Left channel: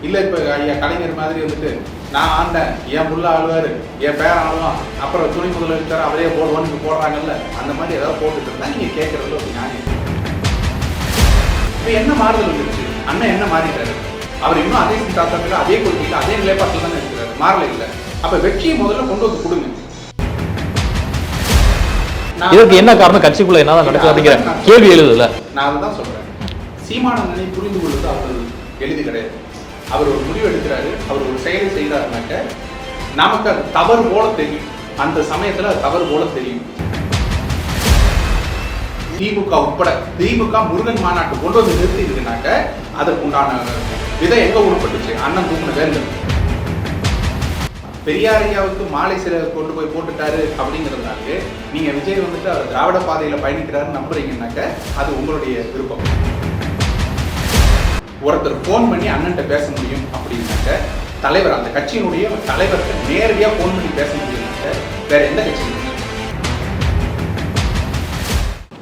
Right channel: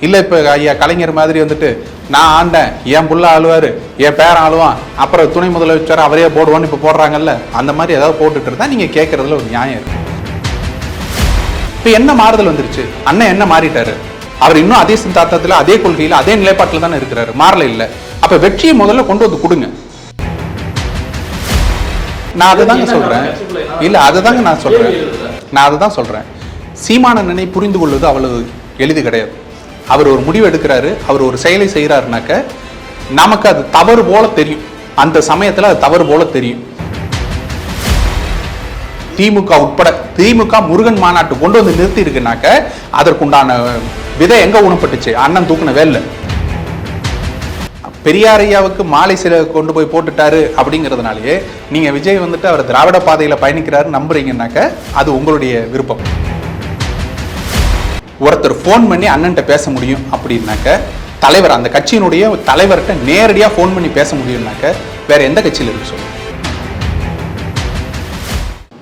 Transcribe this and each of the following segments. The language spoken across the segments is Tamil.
இல்ல இப்ப ஐயா கலைஞர் மாதிரி வந்துட்டு நான் ஆண்டேன் என் புள்ள ஆளுவாரு என் பேரன் ஆளுவான் அப்புறம் துணை முதலமைச்சர் அவரே போடுவான்னு இப்ப போடுறாங்கல்ல அந்த மாதிரி ஏதாவது போட்டுட்டு இருந்தா நீங்க கேட்கறதுல ஒரு நியாயம் இருக்கு. இப்ப என்ன மாறுதல் வந்துருச்சு? அண்ணன் என்ன மாறிட்டாரு? அவர் இன்னும் அதே சித்தாந்தத்துல அதே கொள்கையில அதே நிலைப்பாட்டில் தானே இருக்கிறாரு. மாறல இல்ல. அப்ப வெற்றியை முதல்ல கொண்டு வந்து கொடுங்க. நான் என்ன காரணம்? சொல்றேன். கட்சிக்குள்ள என்ன இல்ல அதுதான் நான் கேள்வி சொல்றேன். எழுதுல. நான் அதை தான் சொல்றேன் சீமானந்தனை புரிந்து கொள்வது அவ்வளவு எளிது கிடையாது. அவர் ஒரு முடிவு எடுக்கிறாரு அவர் ஒரு செயலை செய்யறாருனாக்க நமக்கு அது தவறு போல தெரியும். அந்த சமயத்துல அது தவறு போல தெரியும். திமுக உட்பட திமுக முருகன் மாநாட்டு கொண்டு வந்து நிறுத்தி இருக்குனாக்க அதற்குண்டான விதை எங்க ஊனப்பட்டுச்சு? அண்ணன் தூக்குன வேலை பெரியாரையாவுக்கு மாலை சில கொண்டு போய் போட்டுட்டாரு அப்படிங்கிறதுனாலயே நீங்க விஜய் வந்துட்டு அவர் திராவிட பாதையில பயணிக்கிறாரு நம்புறீங்கன்னாக்க அது உங்களுடைய விருப்பம். ஒருத்தர் ஃபோன் பண்ணி அண்ணன்ட்ட பேச முடியும் அப்படின்னாக்க தலைவர் அந்த கட்சியினுடைய தலைவர்கிட்ட நேரடியா ஃபோன் பண்ணி பேச முடியும்னாக்க வேற எந்த கட்சியில இருக்கு சொல்லுங்க.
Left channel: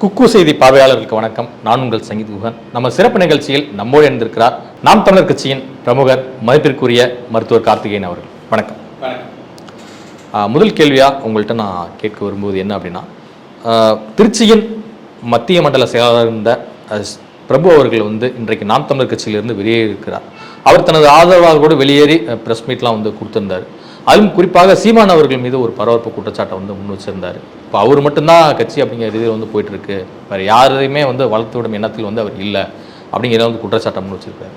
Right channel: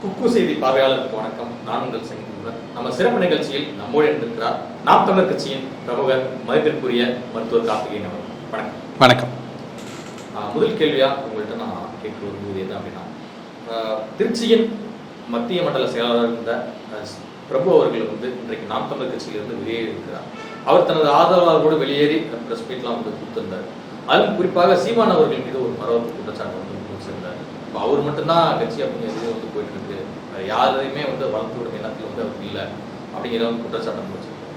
குக்கு செய்தி பார்வையாளர்களுக்கு வணக்கம். நான் உங்கள் சங்கீத் குகன். நம்ம சிறப்பு நிகழ்ச்சியில் நம்மோடு இருந்திருக்கிறார் நாம் தமிழர் கட்சியின் பிரமுகர் மதிப்பிற்குரிய மருத்துவர் கார்த்திகேயன் அவர்கள். வணக்கம். வணக்கம். முதல் கேள்வியா உங்கள்கிட்ட நான் கேட்க வரும்போது என்ன அப்படின்னா திருச்சியின் மத்திய மண்டல செயலாளர் இருந்த பிரபு அவர்கள் வந்து இன்றைக்கு நாம் தமிழர் கட்சியிலிருந்து வெளியே இருக்கிறார். அவர் தனது ஆதரவாளர்களோடு வெளியேறி பிரஸ் மீட்லாம் வந்து கொடுத்திருந்தார். அதுவும் குறிப்பாக சீமான் அவர்கள் மீது ஒரு பரபரப்பு குற்றச்சாட்டை வந்து முன் வச்சிருந்தாரு. இப்போ அவர் மட்டும்தான் கட்சி அப்படிங்கிற இதில் வந்து போயிட்டு இருக்கு யாரையுமே வந்து வளர்த்து விடும் எண்ணத்தில் வந்து அவர் இல்லை அப்படிங்கிற வந்து குற்றச்சாட்டை முன் வச்சிருக்காரு.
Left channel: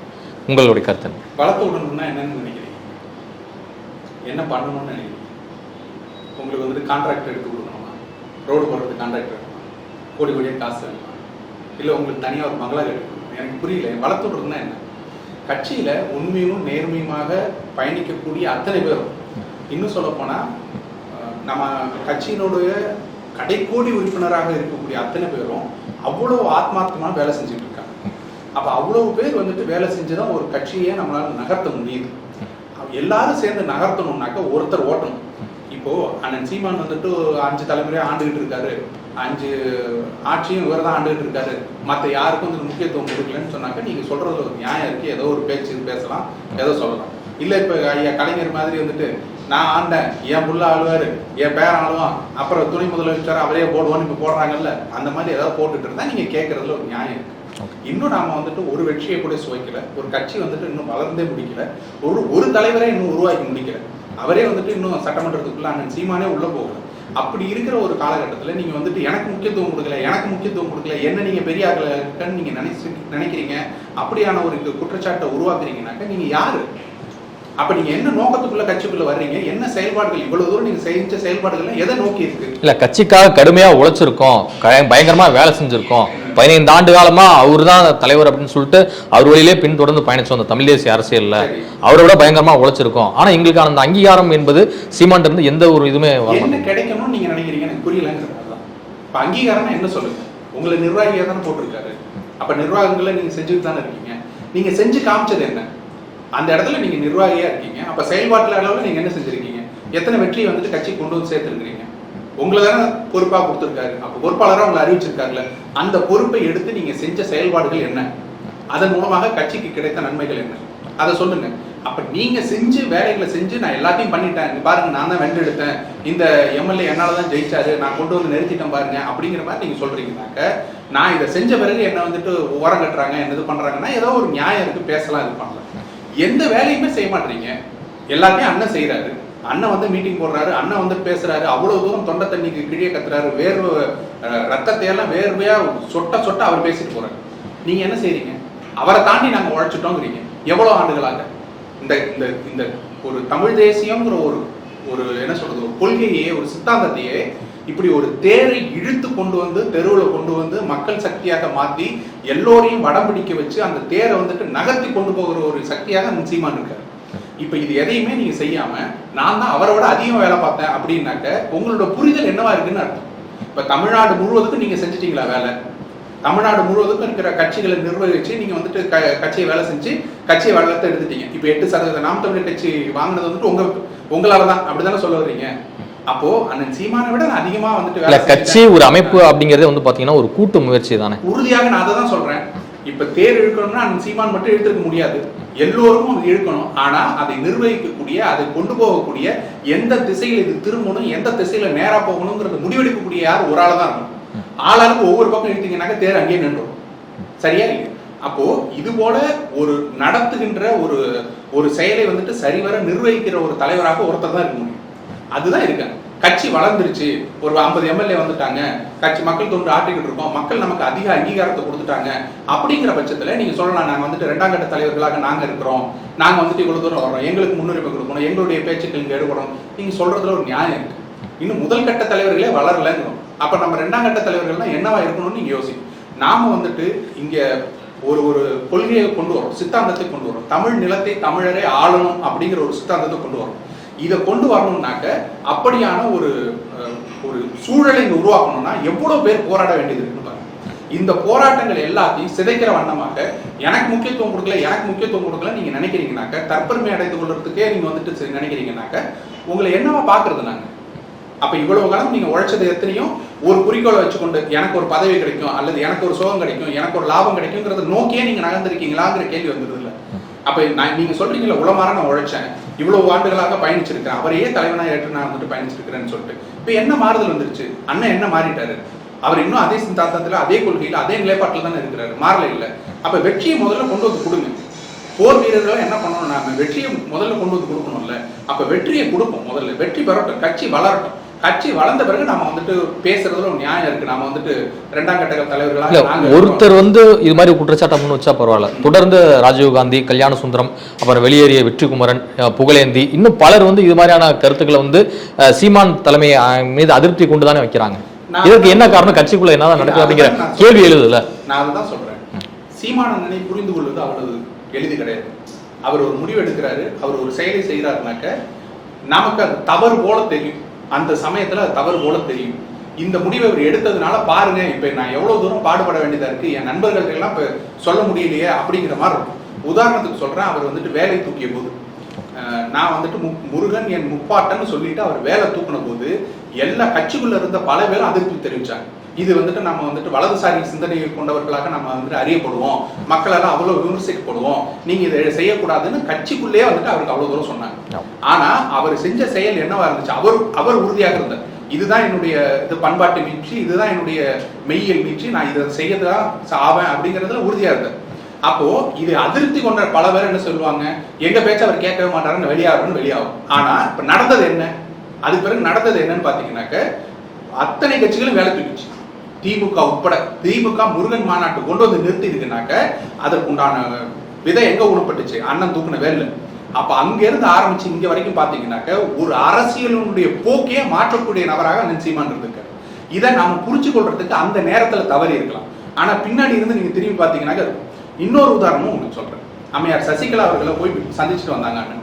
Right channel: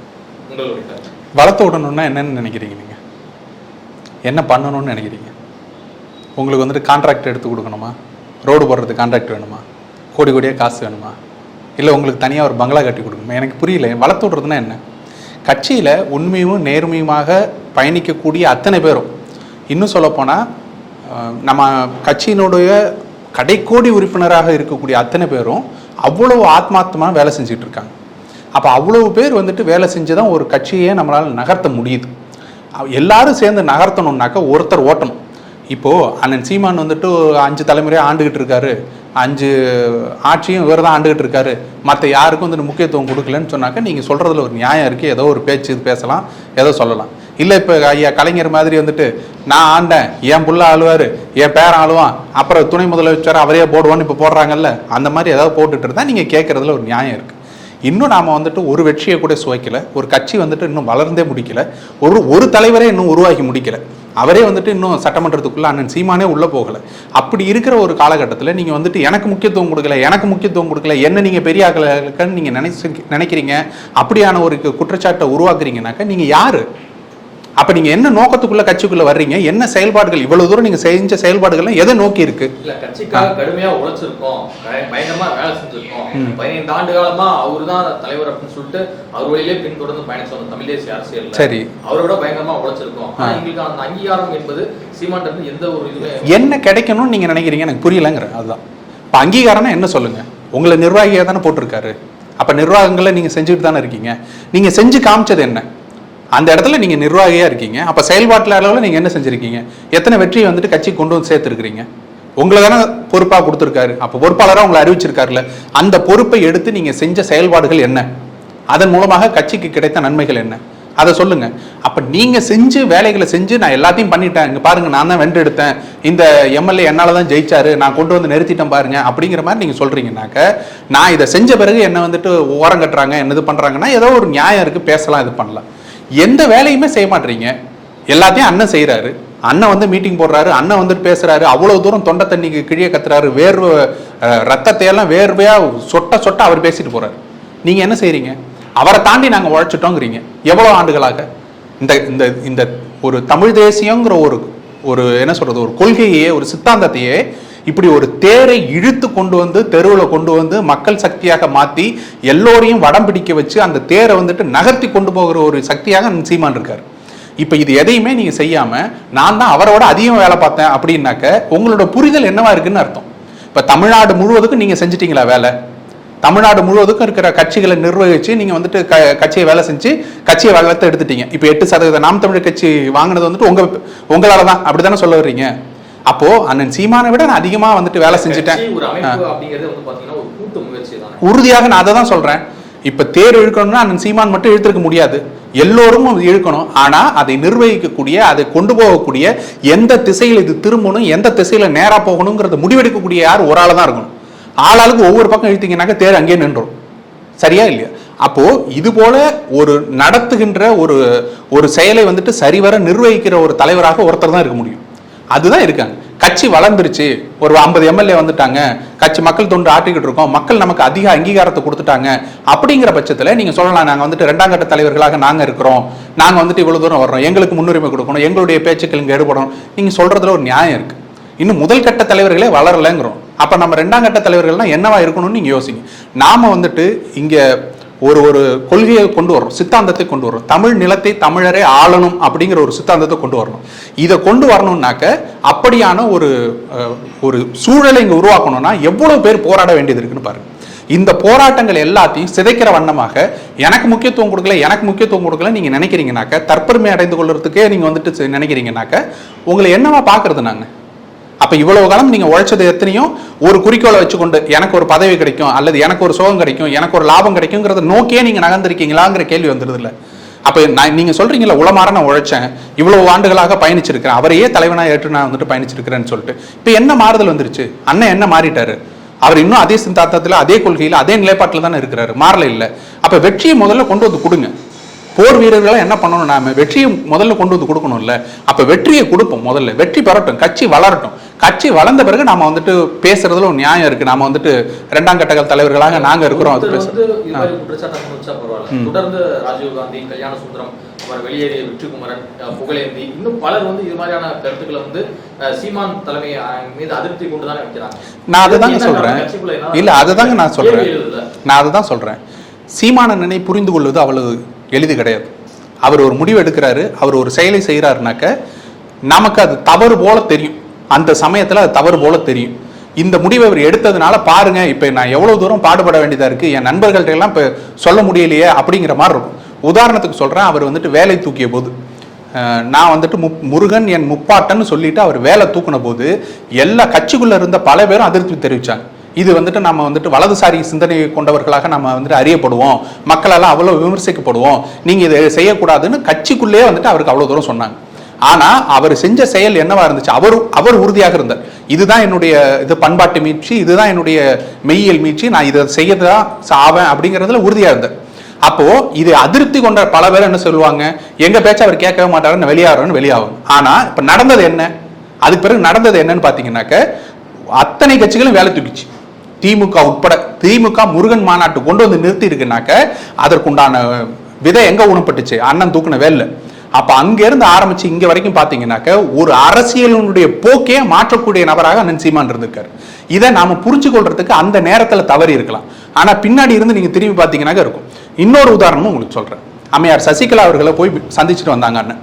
உங்களுடைய கருத்து வளர்த்து விடணும்னா என்னன்னு நினைக்கிறீங்க என்ன பண்ணணும்னு நினைக்கிறீங்க? உங்களுக்கு வந்துட்டு கான்ட்ராக்ட் எடுத்து கொடுக்கணுமா? ரோடு போடுறதுக்கு கான்ட்ராக்ட் வேணுமா? கோடி கோடியாக காசு வேணுமா? இல்லை உங்களுக்கு தனியாக ஒரு பங்களா கட்டி கொடுக்கணுமா? எனக்கு புரியல. வளர்த்து என்ன? கட்சியில் உண்மையும் நேர்மையுமாக பயணிக்கக்கூடிய அத்தனை பேரும். இன்னும் சொல்லப்போனால் நம்ம கட்சியினுடைய கடைக்கோடி உறுப்பினராக இருக்கக்கூடிய அத்தனை பேரும் அவ்வளவு ஆத்மார்த்தமாக வேலை செஞ்சுட்டு இருக்காங்க. அப்போ அவ்வளவு பேர் வந்துட்டு வேலை செஞ்சு தான் ஒரு கட்சியை நம்மளால் நகர்த்த முடியுது. எல்லாரும் சேர்ந்து நகர்த்தணும்னாக்க ஒருத்தர் ஓட்டணும். இப்போது அண்ணன் சீமான் வந்துட்டு ஒரு அஞ்சு தலைமுறையாக ஆண்டுகிட்டு இருக்காரு. அஞ்சு ஆட்சியும் இவர் தான் ஆண்டுகிட்டு இருக்காரு. மற்ற யாருக்கும் வந்துட்டு முக்கியத்துவம் கொடுக்கலன்னு சொன்னாக்க நீங்கள் சொல்கிறதுல ஒரு நியாயம் இருக்குது ஏதோ ஒரு பேச்சு பேசலாம் ஏதோ சொல்லலாம். இல்லை இப்போ ஐயா கலைஞர் மாதிரி வந்துட்டு நான் ஆண்டேன் என் புள்ள ஆளுவார் என் பேரன் ஆளுவான் அப்புறம் துணை முதலமைச்சர் அவரே போடுவான்னு இப்போ போடுறாங்கல்ல அந்த மாதிரி ஏதாவது போட்டுட்டு இருந்தால் நீங்கள் கேட்குறதுல ஒரு நியாயம் இருக்குது இன்னும் நாம் வந்துட்டு ஒரு வெற்றியை கூட சுவைக்கலை. ஒரு கட்சி வந்துட்டு இன்னும் வளர்ந்தே முடிக்கல. ஒரு ஒரு தலைவரே இன்னும் உருவாகி முடிக்கல. அவரே வந்துட்டு இன்னும் சட்டமன்றத்துக்குள்ள அண்ணன் சீமானே உள்ள போகல. அப்படி இருக்கிற ஒரு காலகட்டத்தில் நீங்க வந்துட்டு எனக்கு முக்கியத்துவம் கொடுக்கல எனக்கு முக்கியத்துவம் கொடுக்கல என்ன நீங்க பெரிய ஆக்கலன்னு நீங்க நினைச்சு நினைக்கிறீங்க அப்படியான ஒரு குற்றச்சாட்டை உருவாக்குறீங்கனாக்க நீங்க யாரு? அப்ப நீங்க என்ன நோக்கத்துக்குள்ள கட்சிக்குள்ள வர்றீங்க? என்ன செயல்பாடுகள்? இவ்வளவு தூரம் நீங்க செஞ்ச செயல்பாடுகள்லாம் எதை நோக்கி இருக்கு? இல்ல கட்சிக்காக கடுமையா உழைச்சிருக்கோம். பயங்கரமா வேலை செஞ்சிருக்கோம். பதினைந்து ஆண்டு காலமா அவர் தான் தலைவர் அப்படின்னு சொல்லிட்டு அவர் வழியிலே பின்தொடர்ந்து பயணிச்சோம் அந்த தமிழ் தேசிய அரசியல்ல. சரி. அவரை விட பயங்கரமா உழைச்சிருக்கோம். ஆனா எங்களுக்கான அந்த அங்கீகாரம் என்பது சீமான் இருந்து எந்த ஒரு இதுவுமே என்ன கிடைக்கணும்னு நீங்க நினைக்கிறீங்க? எனக்கு புரியலங்கிற அதுதான். இப்ப அங்கீகாரம்னா என்ன சொல்லுங்க? உங்களை நிர்வாகியா தானே போட்டிருக்காரு. அப்ப நிர்வாகங்களை நீங்க செஞ்சுட்டு தானே இருக்கீங்க. நீங்க செஞ்சு காமிச்சது என்ன? அந்த இடத்துல நீங்க நிர்வாகியா இருக்கீங்க. அப்ப செயல்பாட்டுல அளவில் நீங்க என்ன செஞ்சிருக்கீங்க? எத்தனை வெற்றியை வந்துட்டு கட்சி கொண்டு வந்து சேர்த்துருக்கீங்க உங்களை தானே பொறுப்பா கொடுத்துருக்காரு. அப்ப பொறுப்பாளராக உங்களை அறிவிச்சிருக்காருல்ல அந்த பொறுப்பை எடுத்து நீங்க செஞ்ச செயல்பாடுகள் என்ன? அதன் மூலமாக கட்சிக்கு கிடைத்த நன்மைகள் என்ன? அதை சொல்லுங்க. அப்ப நீங்க செஞ்சு வேலைகளை செஞ்சு நான் எல்லாத்தையும் பண்ணிட்டேன். இங்க பாருங்க நான் தான் வென்று எடுத்தேன். இந்த எம்எல்ஏ என்னால தான் ஜெயிச்சாரு. நான் கொண்டு வந்து நிறுத்திட்டேன் பாருங்க. அப்படிங்கிற மாதிரி நீங்க சொல்றீங்கன்னாக்க நான் இதை செஞ்ச பிறகு என்ன வந்துட்டு ஓரம் கட்டுறாங்க என்ன இது பண்றாங்கன்னா ஏதோ ஒரு நியாயம் இருக்கு. பேசலாம் இது பண்ணலாம். எந்த வேலையுமே செய்ய மாட்டீங்க. எல்லாத்தையும் அண்ணன் செய்கிறாரு அண்ணன் வந்து மீட்டிங் போடுறாரு. அண்ணன் வந்துட்டு பேசுறாரு. அவ்வளவு தூரம் தொண்டை தண்ணிக்கு கிழிய கத்துறாரு. வேர்வை ரத்தத்தையெல்லாம் வேர்வையா சொட்ட சொட்ட அவர் பேசிட்டு போறாரு. நீங்க என்ன செய்றீங்க? அவரை தாண்டி நாங்க உழைச்சிட்டோங்கிறீங்க. எவ்வளவு ஆண்டுகளாக? இந்த இந்த இந்த ஒரு தமிழ் தேசியங்கிற ஒரு ஒரு என்ன சொல்றது? ஒரு கொள்கையே ஒரு சித்தாந்தத்தையே இப்படி ஒரு தேரை இழுத்து கொண்டு வந்து தெருவில் கொண்டு வந்து மக்கள் சக்தியாக மாற்றி எல்லோரையும் வடம் பிடிக்க வச்சு அந்த தேரை வந்துட்டு நகர்த்தி கொண்டு போகிற ஒரு சக்தியாக சீமான் இருக்கார். இப்போ இது எதையுமே நீங்க செய்யாம நான் தான் அவரோட அதிகம் வேலை பார்த்தேன் அப்படின்னாக்க உங்களோட புரிதல் என்னவா இருக்குன்னு அர்த்தம். இப்போ தமிழ்நாடு முழுவதுக்கும் நீங்க செஞ்சிட்டீங்களா வேலை? தமிழ்நாடு முழுவதுக்கும் இருக்கிற கட்சிகளை நிர்வகிச்சு நீங்க வந்துட்டு க- கட்சியை வேலை செஞ்சு கட்சியை வளர்த்து எடுத்துட்டீங்க. இப்போ எட்டு சதவீத நாம் தமிழர் கட்சி வாங்கினது வந்துட்டு உங்க உங்களால தான் அப்படித்தானே சொல்ல வர்றீங்க? அப்போ அண்ணன் சீமானை விட நான் அதிகமா வந்துட்டு வேலை செஞ்சுட்டேன். ஒரு அமைப்பு அப்படிங்கறதே வந்து பாத்தீங்கன்னா ஒரு கூட்டு முயற்சி தானே. உறுதியாக நான் அதை தான் சொல்றேன். இப்ப தேர் இழுக்கணும்னா அண்ணன் சீமான் மட்டும் இழுத்திருக்க முடியாது. எல்லோரும் இழுக்கணும். ஆனா அதை நிர்வகிக்கக்கூடிய அதை கொண்டு போகக்கூடிய எந்த திசையில் இது திரும்பணும் எந்த திசையில நேரா போகணுங்கிறத முடிவெடுக்கக்கூடிய யார்? ஒரு ஆளா தான் இருக்கணும். ஆளாளுக்கு ஒவ்வொரு பக்கம் இழுத்தீங்கன்னாக்க தேர் அங்கேயே நின்றோம் சரியா இல்லையா? அப்போ இது போல ஒரு நடத்துகின்ற ஒரு ஒரு செயலை வந்துட்டு சரிவர நிர்வகிக்கிற ஒரு தலைவராக ஒருத்தர் தான் இருக்க முடியும். அதுதான் இருக்காங்க கட்சி வளர்ந்துருச்சு. ஒரு ஐம்பது எம்எல்ஏ வந்துட்டாங்க. கட்சி மக்கள் தொண்டு ஆட்டிக்கிட்டு இருக்கோம். மக்கள் நமக்கு அதிக அங்கீகாரத்தை கொடுத்துட்டாங்க. அப்படிங்கிற பட்சத்தில் நீங்க சொல்லலாம் நாங்கள் வந்துட்டு ரெண்டாம் கட்ட தலைவர்களாக நாங்க இருக்கிறோம். நாங்க வந்துட்டு இவ்வளவு தூரம் வர்றோம். எங்களுக்கு முன்னுரிமை கொடுக்கணும். எங்களுடைய பேச்சுக்கள் இங்கே எடுபடணும். நீங்க சொல்றதுல ஒரு நியாயம் இருக்கு. இன்னும் முதல் கட்ட தலைவர்களே வளரலைங்கிறோம். அப்ப நம்ம ரெண்டாம் கட்ட தலைவர்கள்னா என்னவா இருக்கணும்னு நீங்க யோசிங்க. நாம வந்துட்டு இங்க ஒரு ஒரு கொள்கையை கொண்டு வரணும் சித்தாந்தத்தை கொண்டு வரணும் தமிழ் நிலத்தை தமிழரே ஆளணும் அப்படிங்கிற ஒரு சித்தாந்தத்தை கொண்டு வரணும். இதை கொண்டு வரணும்னாக்க அப்படியான ஒரு ஒரு சூழலை இங்கே உருவாக்கணும்னா எவ்வளவு பேர் போராட வேண்டியது இருக்குன்னு பாருங்க. இந்த போராட்டங்கள் எல்லாத்தையும் சிதைக்கிற வண்ணமாக எனக்கு முக்கியத்துவம் கொடுக்கல எனக்கு முக்கியத்துவம் கொடுக்கல நீங்க நினைக்கிறீங்கனாக்க தற்பெருமை அடைந்து கொள்றதுக்கே நீங்க வந்துட்டு நினைக்கிறீங்கனாக்க உங்களை என்னவா பாக்குறது நாங்கள் அப்ப இவ்வளவு காலம் நீங்க உழைச்சது எத்தனையோ? ஒரு குறிக்கோளை வச்சுக்கொண்டு எனக்கு ஒரு பதவி கிடைக்கும் அல்லது எனக்கு ஒரு சோகம் கிடைக்கும் எனக்கு ஒரு லாபம் கிடைக்குங்கிறத நோக்கியே நீங்க நகர்ந்திருக்கீங்களாங்கிற கேள்வி வந்துருது இல்ல அப்ப நான் நீங்க சொல்றீங்கல்ல உளமாற நான் உழைச்சேன் இவ்வளவு ஆண்டுகளாக பயணிச்சிருக்கிறேன் அவரையே தலைவனா ஏற்று நான் வந்துட்டு பயணிச்சிருக்கிறேன்னு சொல்லிட்டு. இப்ப என்ன மாறுதல் வந்துருச்சு? அண்ணன் என்ன மாறிட்டாரு? அவர் இன்னும் அதே சிந்தாத்தத்தில் அதே கொள்கையில அதே நிலைப்பாட்டில் தானே இருக்கிறாரு. மாறல இல்ல. அப்ப வெற்றியை முதல்ல கொண்டு வந்து கொடுங்க. போர் வீரர்களா என்ன பண்ணணும்? நாம வெற்றியை முதல்ல கொண்டு வந்து கொடுக்கணும்ல. அப்ப வெற்றியை கொடுப்போம் முதல்ல. வெற்றி பெறட்டும் கட்சி வளரட்டும். கட்சி வளர்ந்த பிறகு நாம வந்துட்டு பேசுறதுல ஒரு நியாயம் இருக்கு. நாம வந்துட்டு இரண்டாம் கட்ட தலைவர்களாக நாங்க. ஒருத்தர் வந்து இது மாதிரி குற்றச்சாட்டை முன் வச்சா பரவாயில்ல. தொடர்ந்து ராஜீவ் காந்தி கல்யாண சுந்தரம் அப்புறம் வெளியேறிய வெற்றிக்குமரன் அஹ், புகழேந்தி இன்னும் பலர் வந்து இது மாதிரியான கருத்துக்களை வந்து சீமான் தலைமை மீது அதிருப்தி கொண்டு தானே வைக்கிறாங்க. நான் என்ன காரணம். கட்சிக்குள்ள என்ன இல்ல அதுதான் நான் கேள்வி சொல்றேன். எழுதுல நான் அதுதான் சொல்றேன். சீமானண்ணனை புரிந்து கொள்வது அவ்வளவு எளிது கிடையாது. அவர் ஒரு முடிவு எடுக்கிறாரு அவர் ஒரு செயலை செய்கிறாருனாக்க நமக்கு அது தவறு போல தெரியும். அந்த சமயத்தில் அது தவறு போல தெரியும். இந்த முடிவை அவர் எடுத்ததுனால பாருங்க இப்போ நான் எவ்வளோ தூரம் பாடுபட வேண்டியதாக இருக்குது என் நண்பர்கள்ட்ட எல்லாம் சொல்ல முடியலையே அப்படிங்கிற மாதிரி இருக்கும். உதாரணத்துக்கு சொல்கிறேன் அவர் வந்துட்டு வேலை தூக்கிய போது நான் வந்துட்டு முப்- முருகன் என் முப்பாட்டன்னு சொல்லிட்டு அவர் வேலை தூக்குன போது எல்லா கட்சிக்குள்ளே இருந்த பல பேரும் அதிருப்தி தெரிவித்தாங்க இது வந்துட்டு நம்ம வந்துட்டு வலதுசாரி சிந்தனை கொண்டவர்களாக நம்ம வந்துட்டு அறியப்படுவோம். மக்களால் அவ்வளோ விமர்சிக்கப்படுவோம். நீங்கள் இதை செய்யக்கூடாதுன்னு கட்சிக்குள்ளேயே வந்துட்டு அவருக்கு அவ்வளோ தூரம் சொன்னாங்க. ஆனால் அவர் செஞ்ச செயல் என்னவா இருந்துச்சு? அவர் அவர் உறுதியாக இருந்தார். இதுதான் என்னுடைய இது பண்பாட்டு மீட்சி இதுதான் என்னுடைய மெய்யியல் மீட்சி. நான் இதை செய்யதான் ஆவேன் அப்படிங்கிறதுல உறுதியாக இருந்தார். அப்போ இது அதிருப்தி கொண்ட பல பேர் என்ன சொல்லுவாங்க? எங்க பேச்ச அவர் கேட்கவே மாட்டாருன்னு வெளியாகிறோன்னு வெளியாகும். ஆனா இப்ப நடந்தது என்ன? அதுக்கு பிறகு நடந்தது என்னன்னு பாத்தீங்கன்னாக்க அத்தனை கட்சிகளும் வேலை தூக்கிச்சு. திமுக உட்பட திமுக முருகன் மாநாட்டு கொண்டு வந்து நிறுத்தி இருக்குனாக்க அதற்குண்டான விதை எங்க ஊனப்பட்டுச்சு? அண்ணன் தூக்குன வேல்ல. அப்ப அங்க இருந்து ஆரம்பிச்சு இங்க வரைக்கும் பாத்தீங்கன்னாக்க ஒரு அரசியலினுடைய போக்கே மாற்றக்கூடிய நபராக அண்ணன் சீமான் இருந்திருக்காரு. இதை நாம புரிஞ்சு கொள்றதுக்கு அந்த நேரத்துல தவறி இருக்கலாம். ஆனா பின்னாடி இருந்து நீங்க திரும்பி பாத்தீங்கன்னாக்க இருக்கும். இன்னொரு உதாரணமும் உங்களுக்கு சொல்றேன். அம்மையார் சசிகலா அவர்களை போய் சந்திச்சுட்டு வந்தாங்க அண்ணன்.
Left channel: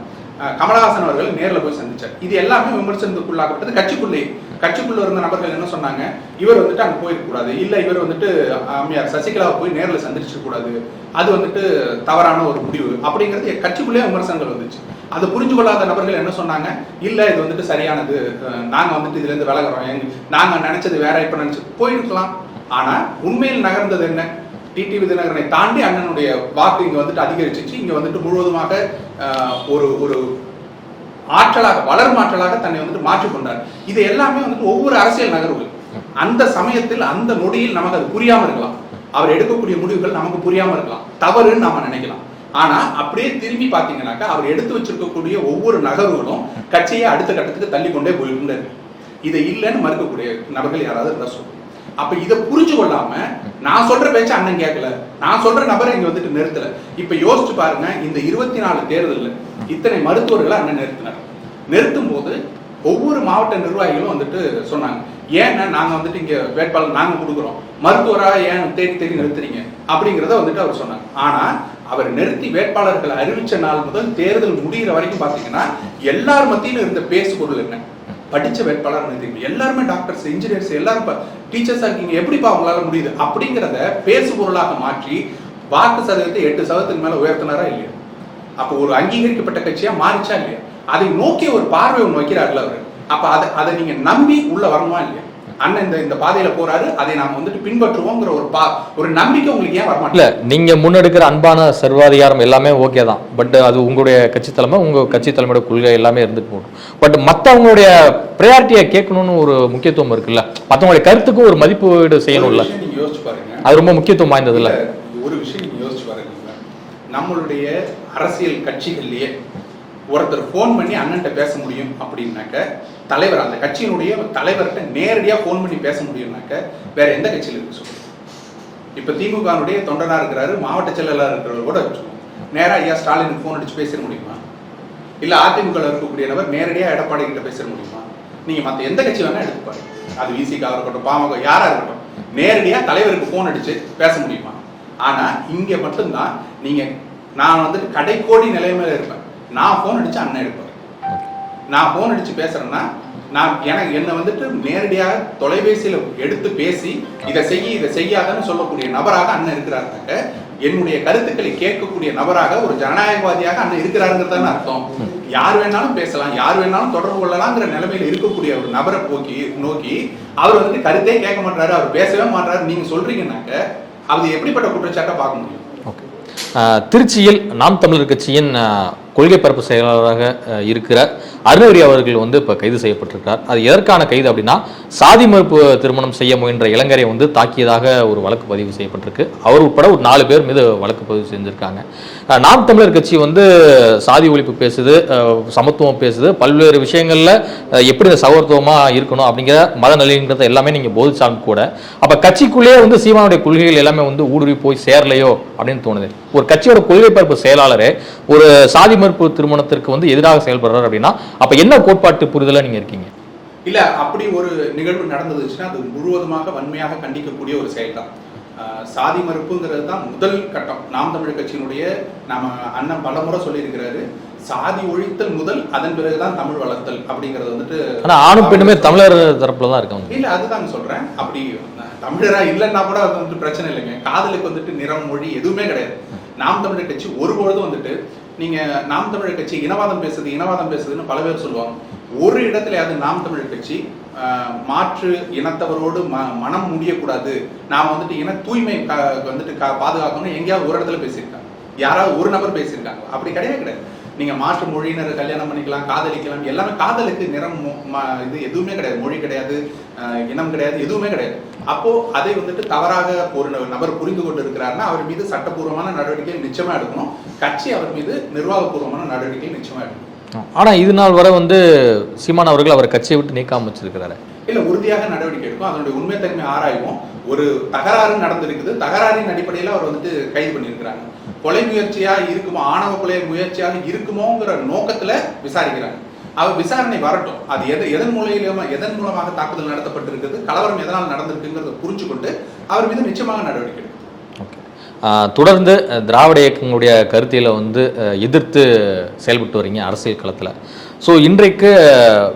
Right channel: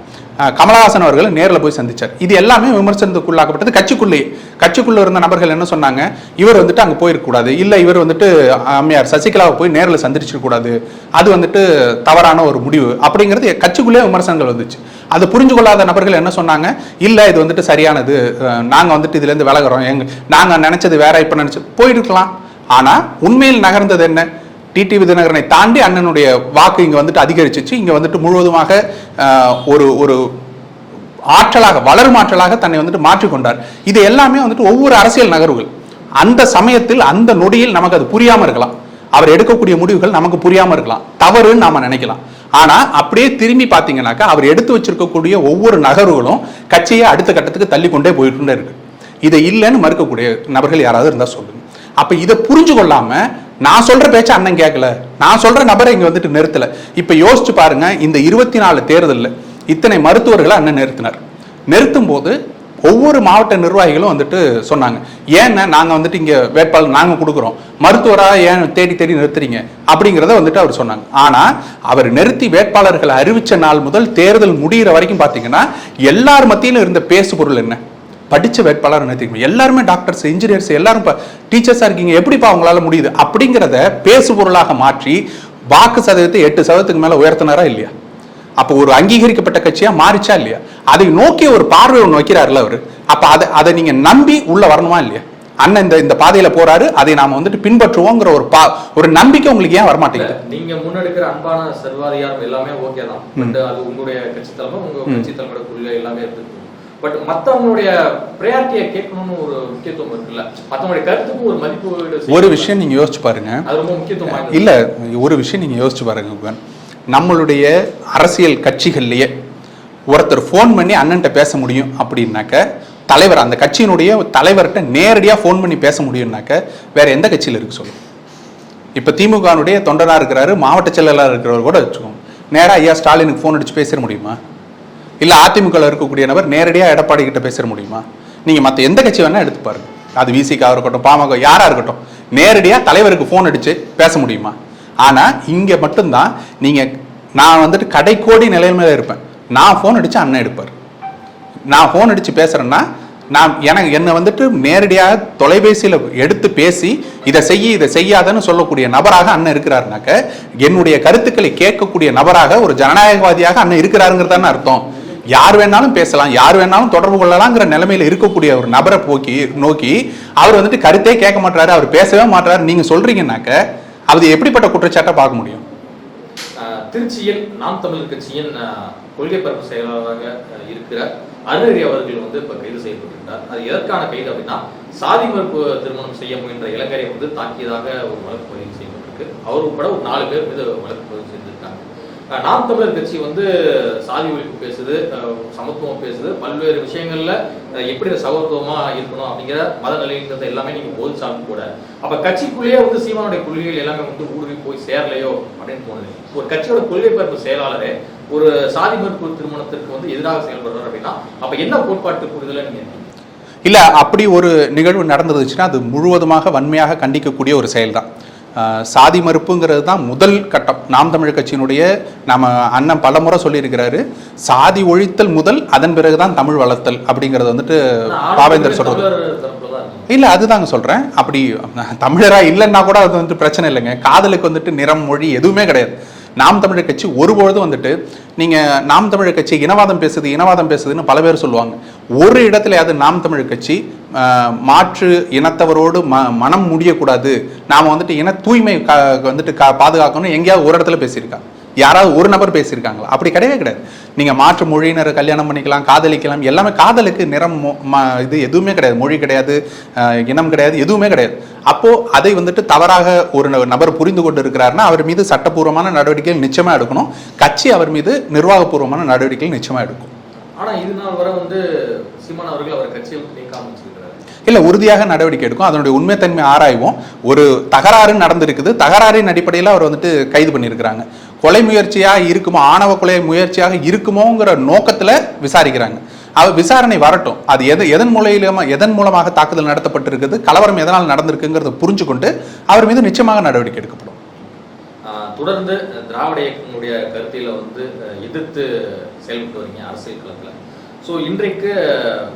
கமலஹாசன் அவர்கள் நேரில் போய் சந்திச்சார். இது எல்லாமே விமர்சனத்துக்குள்ளாக்கப்பட்டது. கட்சிக்குள்ளேயே கட்சிக்குள்ளே இருந்த நபர்கள் என்ன சொன்னாங்க? இவர் வந்துட்டு அங்கே போயிருக்கக்கூடாது. இல்லை இவர் வந்துட்டு அம்மையார் சசிகலாவை போய் நேரில் சந்திச்சிருக்கக்கூடாது. அது வந்துட்டு தவறான ஒரு முடிவு. அப்படிங்கிறது கட்சிக்குள்ளேயே விமர்சனங்கள் வந்துச்சு. அது புரிஞ்சு கொள்ளாத நபர்கள் என்ன சொன்னாங்க? இல்லை இது வந்துட்டு சரியானது. நாங்கள் வந்துட்டு இதுலேருந்து விலகிறோம். எங்க நாங்கள் நினச்சது வேற இப்போ நினைச்சு போயிருக்கலாம். ஆனால் உண்மையில் நகர்ந்தது என்ன? டிடிவி விதிநகரனை தாண்டி அண்ணனுடைய வாக்கு இங்கே வந்துட்டு அதிகரிச்சிச்சு. இங்கே வந்துட்டு முழுவதுமாக ஒரு ஒரு ஆற்றலாக வளரும் ஆற்றலாக தன்னை வந்துட்டு மாற்றிக்கொண்டார் இது எல்லாமே வந்துட்டு ஒவ்வொரு அரசியல் நகர்வுகள். அந்த சமயத்தில் அந்த நொடியில் நமக்கு அது புரியாமல் இருக்கலாம். அவர் எடுக்கக்கூடிய முடிவுகள் நமக்கு புரியாமல் இருக்கலாம். தவறுன்னு நாம நினைக்கலாம். ஆனால் அப்படியே திரும்பி பார்த்தீங்கன்னாக்கா அவர் எடுத்து வச்சிருக்கக்கூடிய ஒவ்வொரு நகர்வுகளும் கட்சியை அடுத்த கட்டத்துக்கு தள்ளி கொண்டே போயிட்டு இருக்கு. இதை இல்லைன்னு மறுக்கக்கூடிய நபர்கள் யாராவது இருந்தால் சொல்லுங்க. அப்ப இதை புரிஞ்சு கொள்ளாம நான் சொல்ற பேச்ச அண்ணன் கேட்கல நான் சொல்ற நபரை இங்க வந்துட்டு நிறுத்தல. இப்ப யோசிச்சு பாருங்க இந்த இருபத்தி நாலு தேர்தலில் இத்தனை மருத்துவர்களை அண்ணன் நிறுத்தினார். நிறுத்தும் போது ஒவ்வொரு மாவட்ட நிர்வாகிகளும் வந்துட்டு சொன்னாங்க ஏன்னா நாங்க வந்துட்டு இங்க வேட்பாளர் நாங்க கொடுக்குறோம். மருத்துவரா ஏன் தேடி தேடி நிறுத்துறீங்க? அப்படிங்கிறத வந்துட்டு அவர் சொன்னாங்க. ஆனா அவர் நிறுத்தி வேட்பாளர்களை அறிவிச்ச நாள் முதல் தேர்தல் முடியிற வரைக்கும் பாத்தீங்கன்னா எல்லார் மத்தியிலும் இருந்த பேசு பொருள் என்ன? படித்த வேட்பாளர் நிறுத்திக்கணும் எல்லாருமே டாக்டர்ஸ் இன்ஜினியர்ஸ் எல்லாரும் இப்போ டீச்சர்ஸாக இருக்கீங்க. எப்படிப்பா அவங்களால முடியுது? அப்படிங்கிறத பேசு பொருளாக மாற்றி வாக்கு சதவீதத்தை எட்டு சதவீதத்துக்கு மேலே உயர்த்தினாரா இல்லையா? அப்போ ஒரு அங்கீகரிக்கப்பட்ட கட்சியாக மாறிச்சா இல்லையா? அதை நோக்கி ஒரு பார்வை ஒன்று வைக்கிறாருல அவர். அப்போ அதை அதை நீங்கள் நம்பி உள்ளே வரணுமா இல்லையா? அண்ணன் இந்த இந்த பாதையில போறாரு. அதை நாம வந்துட்டு பின்பற்றுவோங்கிற ஒரு பா ஒரு நம்பிக்கை உங்களுக்கு ஏன் வரமாட்டேங்குது? நீங்க முன்னெடுக்கிற அன்பான சர்வாதிகாரம் எல்லாமே ஓகே தான். பட் அது உங்களுடைய கட்சி தலைமை உங்க கட்சி தலைமையோட கொள்கை எல்லாமே இருந்துட்டு போகும். பட் மத்தவங்களுடைய ப்ரையாரிட்டியை கேட்கணும்னு ஒரு முக்கியத்துவம் இருக்குல்ல? மத்தவங்களுடைய கருத்துக்கும் ஒரு மதிப்பீடு ஒரு செய்யணும் விஷயம் நீங்க யோசிச்சு பாருங்க. அது ரொம்ப முக்கியத்துவம் வாய்ந்தது இல்ல? ஒரு விஷயம் நீங்க யோசிச்சு பாருங்க. நம்மளுடைய அரசியல் கட்சிகள்லயே ஒருத்தர் ஃபோன் பண்ணி அண்ணன்ட்ட பேச முடியும் அப்படின்னாக்க தலைவர் அந்த கட்சியினுடைய தலைவர்கிட்ட நேரடியாக ஃபோன் பண்ணி பேச முடியும்னாக்க வேற எந்த கட்சியில் இருக்கு சொல்லு. இப்போ திமுகனுடைய தொண்டனாக இருக்கிறாரு மாவட்ட செயலாளர் இருக்கிறவர் கூட வச்சுக்கோங்க. நேராக ஐயா ஸ்டாலினுக்கு ஃபோன் அடிச்சு பேச முடியுமா? இல்லை அதிமுகவில் இருக்கக்கூடிய நபர் நேரடியாக எடப்பாடி கிட்ட பேச முடியுமா? நீங்கள் மற்ற எந்த கட்சி வேணால் எடுத்து பாருங்க. அது விசிகா இருக்கட்டும் பாமக யாராக இருக்கட்டும் நேரடியாக தலைவருக்கு ஃபோன் அடித்து பேச முடியுமா? ஆனால் இங்கே மட்டும்தான் நீங்கள் நான் வந்துட்டு கடைக்கோடி நிலைமையில இருப்பேன். நான் ஃபோன் அடித்து அண்ணன் எடுப்பார். நான் ஃபோன் அடித்து பேசுகிறேன்னா நான் எனக்கு என்னை வந்துட்டு நேரடியாக தொலைபேசியில் எடுத்து பேசி இதை செய்ய இதை செய்யாதன்னு சொல்லக்கூடிய நபராக அண்ணன் இருக்கிறாருனாக்க என்னுடைய கருத்துக்களை கேட்கக்கூடிய நபராக ஒரு ஜனநாயகவாதியாக அண்ணன் இருக்கிறாருங்கிறதான அர்த்தம். யார் வேணாலும் பேசலாம் யார் வேணாலும் தொடர்பு கொள்ளலாங்கிற நிலைமையில இருக்கக்கூடிய ஒரு நபரை போக்கி நோக்கி அவர் வந்துட்டு கருத்தே கேட்க மாட்டாரு அவர் பேசவே மாட்டாரு நீங்க சொல்றீங்கன்னாக்க அது எப்படிப்பட்ட குற்றச்சாட்டை பார்க்க முடியும்? திருச்சியில் நாம் தமிழர் கட்சியின் கொள்கை பரப்பு செயலாளராக இருக்கிற அருணகிரி அவர்கள் வந்து இப்போ கைது செய்யப்பட்டிருக்கார். அது எதற்கான கைது அப்படின்னா சாதி மறுப்பு திருமணம் செய்ய முயன்ற இளைஞரை வந்து தாக்கியதாக ஒரு வழக்கு பதிவு செய்யப்பட்டிருக்கு. அவர் உட்பட ஒரு நாலு பேர் மீது வழக்கு பதிவு செஞ்சுருக்காங்க. நாம் தமிழர் கட்சி வந்து சாதி ஒழிப்பு பேசுது சமத்துவம் பேசுது. பல்வேறு விஷயங்களில் எப்படி இந்த சகோதரத்துவமாக இருக்கணும் அப்படிங்கிற மத நிலைங்கிறத எல்லாமே நீங்கள் போதிச்சாலும் கூட அப்போ கட்சிக்குள்ளேயே வந்து சீமானுடைய கொள்கைகள் எல்லாமே வந்து ஊடுருவி போய் சேரலையோ அப்படின்னு தோணுது. ஒரு கட்சியோட கொள்கை பரப்பு செயலாளரே ஒரு சாதி மறுப்பு திருமணத்திற்கு வந்து எதிராக செயல்படுறாரு அப்படின்னா அப்போ என்ன கோட்பாட்டு புரிதலாக நீங்கள் இருக்கீங்க? இல்லை அப்படி ஒரு நிகழ்வு நடந்துச்சுன்னா அது முழுவதுமாக வன்மையாக கண்டிக்கக்கூடிய ஒரு செயல்தான். தான் சாதி மறுப்புங்கிறது தான் முதல் கட்டம். நாம் தமிழர் கட்சியினுடைய நம்ம அண்ணன் பலமுறை சொல்லியிருக்கிறாரு சாதி ஒழித்தல் முதல் அதன் பிறகுதான் தமிழ் வளர்த்தல் அப்படிங்கிறது வந்துட்டு. தமிழர் தரப்புல தான் இருக்காங்க. இல்ல அதுதாங்க சொல்றேன். அப்படி தமிழரா இல்லைன்னா கூட அது வந்துட்டு பிரச்சனை இல்லைங்க. காதலுக்கு வந்துட்டு நிறம் மொழி எதுவுமே கிடையாது. நாம் தமிழர் கட்சி ஒருபொழுதும் வந்துட்டு நீங்க நாம் தமிழர் கட்சி இனவாதம் பேசுது இனவாதம் பேசுதுன்னு பல பேர் சொல்லுவாங்க. ஒரு இடத்துலயாவது நாம் தமிழர் கட்சி மாற்று இனத்தவரோடு ம மனம் முடியக்கூடாது. நாம் வந்துட்டு இன தூய்மை கா- வந்துட்டு கா- பாதுகாக்கணும் எங்கேயாவது ஒரு இடத்துல பேசியிருக்காங்க யாராவது ஒரு நபர் பேசியிருக்காங்களா? அப்படி கிடையவே கிடையாது. நீங்கள் மாற்று மொழியினரை கல்யாணம் பண்ணிக்கலாம் காதலிக்கலாம் எல்லாமே காதலுக்கு நிறம் மொ- இது எதுவுமே கிடையாது. மொழி கிடையாது இனம் கிடையாது எதுவுமே கிடையாது. அப்போது அதை வந்துட்டு தவறாக ஒரு ந- நபர் புரிந்து கொண்டு இருக்கிறாருன்னா அவர் மீது சட்டப்பூர்வமான நடவடிக்கைகள் நிச்சயமாக எடுக்கணும். கட்சி அவர் மீது நிர்வாகபூர்வமான நடவடிக்கைகள் நிச்சயமாக எடுக்கும். ஆனால் இது நாள் வரை வந்து சீமான் அவர்கள் அவர் கட்சியை விட்டு நீக்காம வச்சிருக்கிறாரு. இல்லை உறுதியாக நடவடிக்கை எடுக்கும். அதனுடைய உண்மைத்தன்மை ஆராய்வோம். ஒரு தகராறு நடந்திருக்குது. தகராறின் அடிப்படையில் அவர் வந்துட்டு கைது பண்ணியிருக்கிறாங்க. கொலை முயற்சியாக இருக்குமோ ஆணவ கொலை முயற்சியாக இருக்குமோங்கிற நோக்கத்தில் விசாரிக்கிறாங்க. அவர் விசாரணை வரட்டும். அது எது எதன் மூலையிலுமா எதன் மூலமாக தாக்குதல் நடத்தப்பட்டிருக்குது கலவரம் எதனால் நடந்திருக்குங்கிறத புரிஞ்சு கொண்டு அவர் மீது நிச்சயமாக நடவடிக்கை எடுக்கப்படும். தொடர்ந்து திராவிட இயக்கங்களுடைய கருத்தியலை வந்து எதிர்த்து செயல்பட்டு வரீங்க அரசியல் களத்தில். ஸோ இன்றைக்கு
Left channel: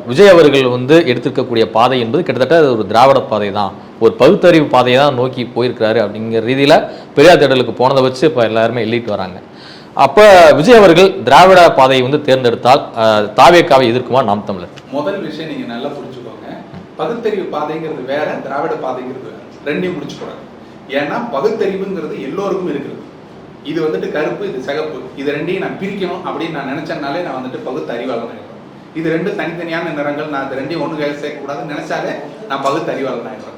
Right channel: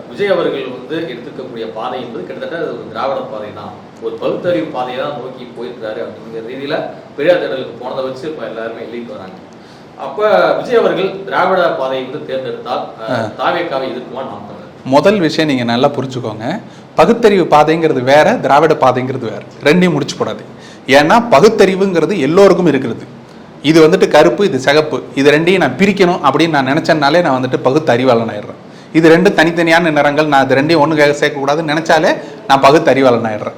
விஜய் அவர்கள் வந்து எடுத்திருக்கக்கூடிய பாதை என்பது கிட்டத்தட்ட அது ஒரு திராவிட பாதை தான் ஒரு பகுத்தறிவு பாதையை தான் நோக்கி போயிருக்கிறாரு அப்படிங்கிற ரீதியில் பெரியார் தேடலுக்கு போனதை வச்சு இப்போ எல்லாருமே எழுதிட்டு வராங்க. அப்போ விஜய் அவர்கள் திராவிட பாதையை வந்து தேர்ந்தெடுத்தால் தாவேக்காவை எதிர்க்குமா நாம் தமிழர்? முதல் விஷயம் நீங்கள் நல்லா புரிஞ்சுக்கோங்க. பகுத்தறிவு பாதைங்கிறது வேற திராவிட பாதைங்கிறது வேற. ரெண்டையும் முடிச்சு போடாது ஏன்னா பகுத்தறிவுங்கிறது எல்லோருக்கும் இருக்கிறது. இது வந்துட்டு கருப்பு இது சிகப்பு. இது ரெண்டையும் நான் பிரிக்கணும் அப்படின்னு நான் நினச்சேன்னாலே நான் வந்துட்டு பகுத்தறிவாளன் ஆயிடுறேன். இது ரெண்டு தனித்தனியான நிறங்கள் நான் இது ரெண்டையும் ஒன்று சேர்க்கக்கூடாதுன்னு நினச்சாலே நான் பகுத்தறிவாளன் ஆயிடுறேன்.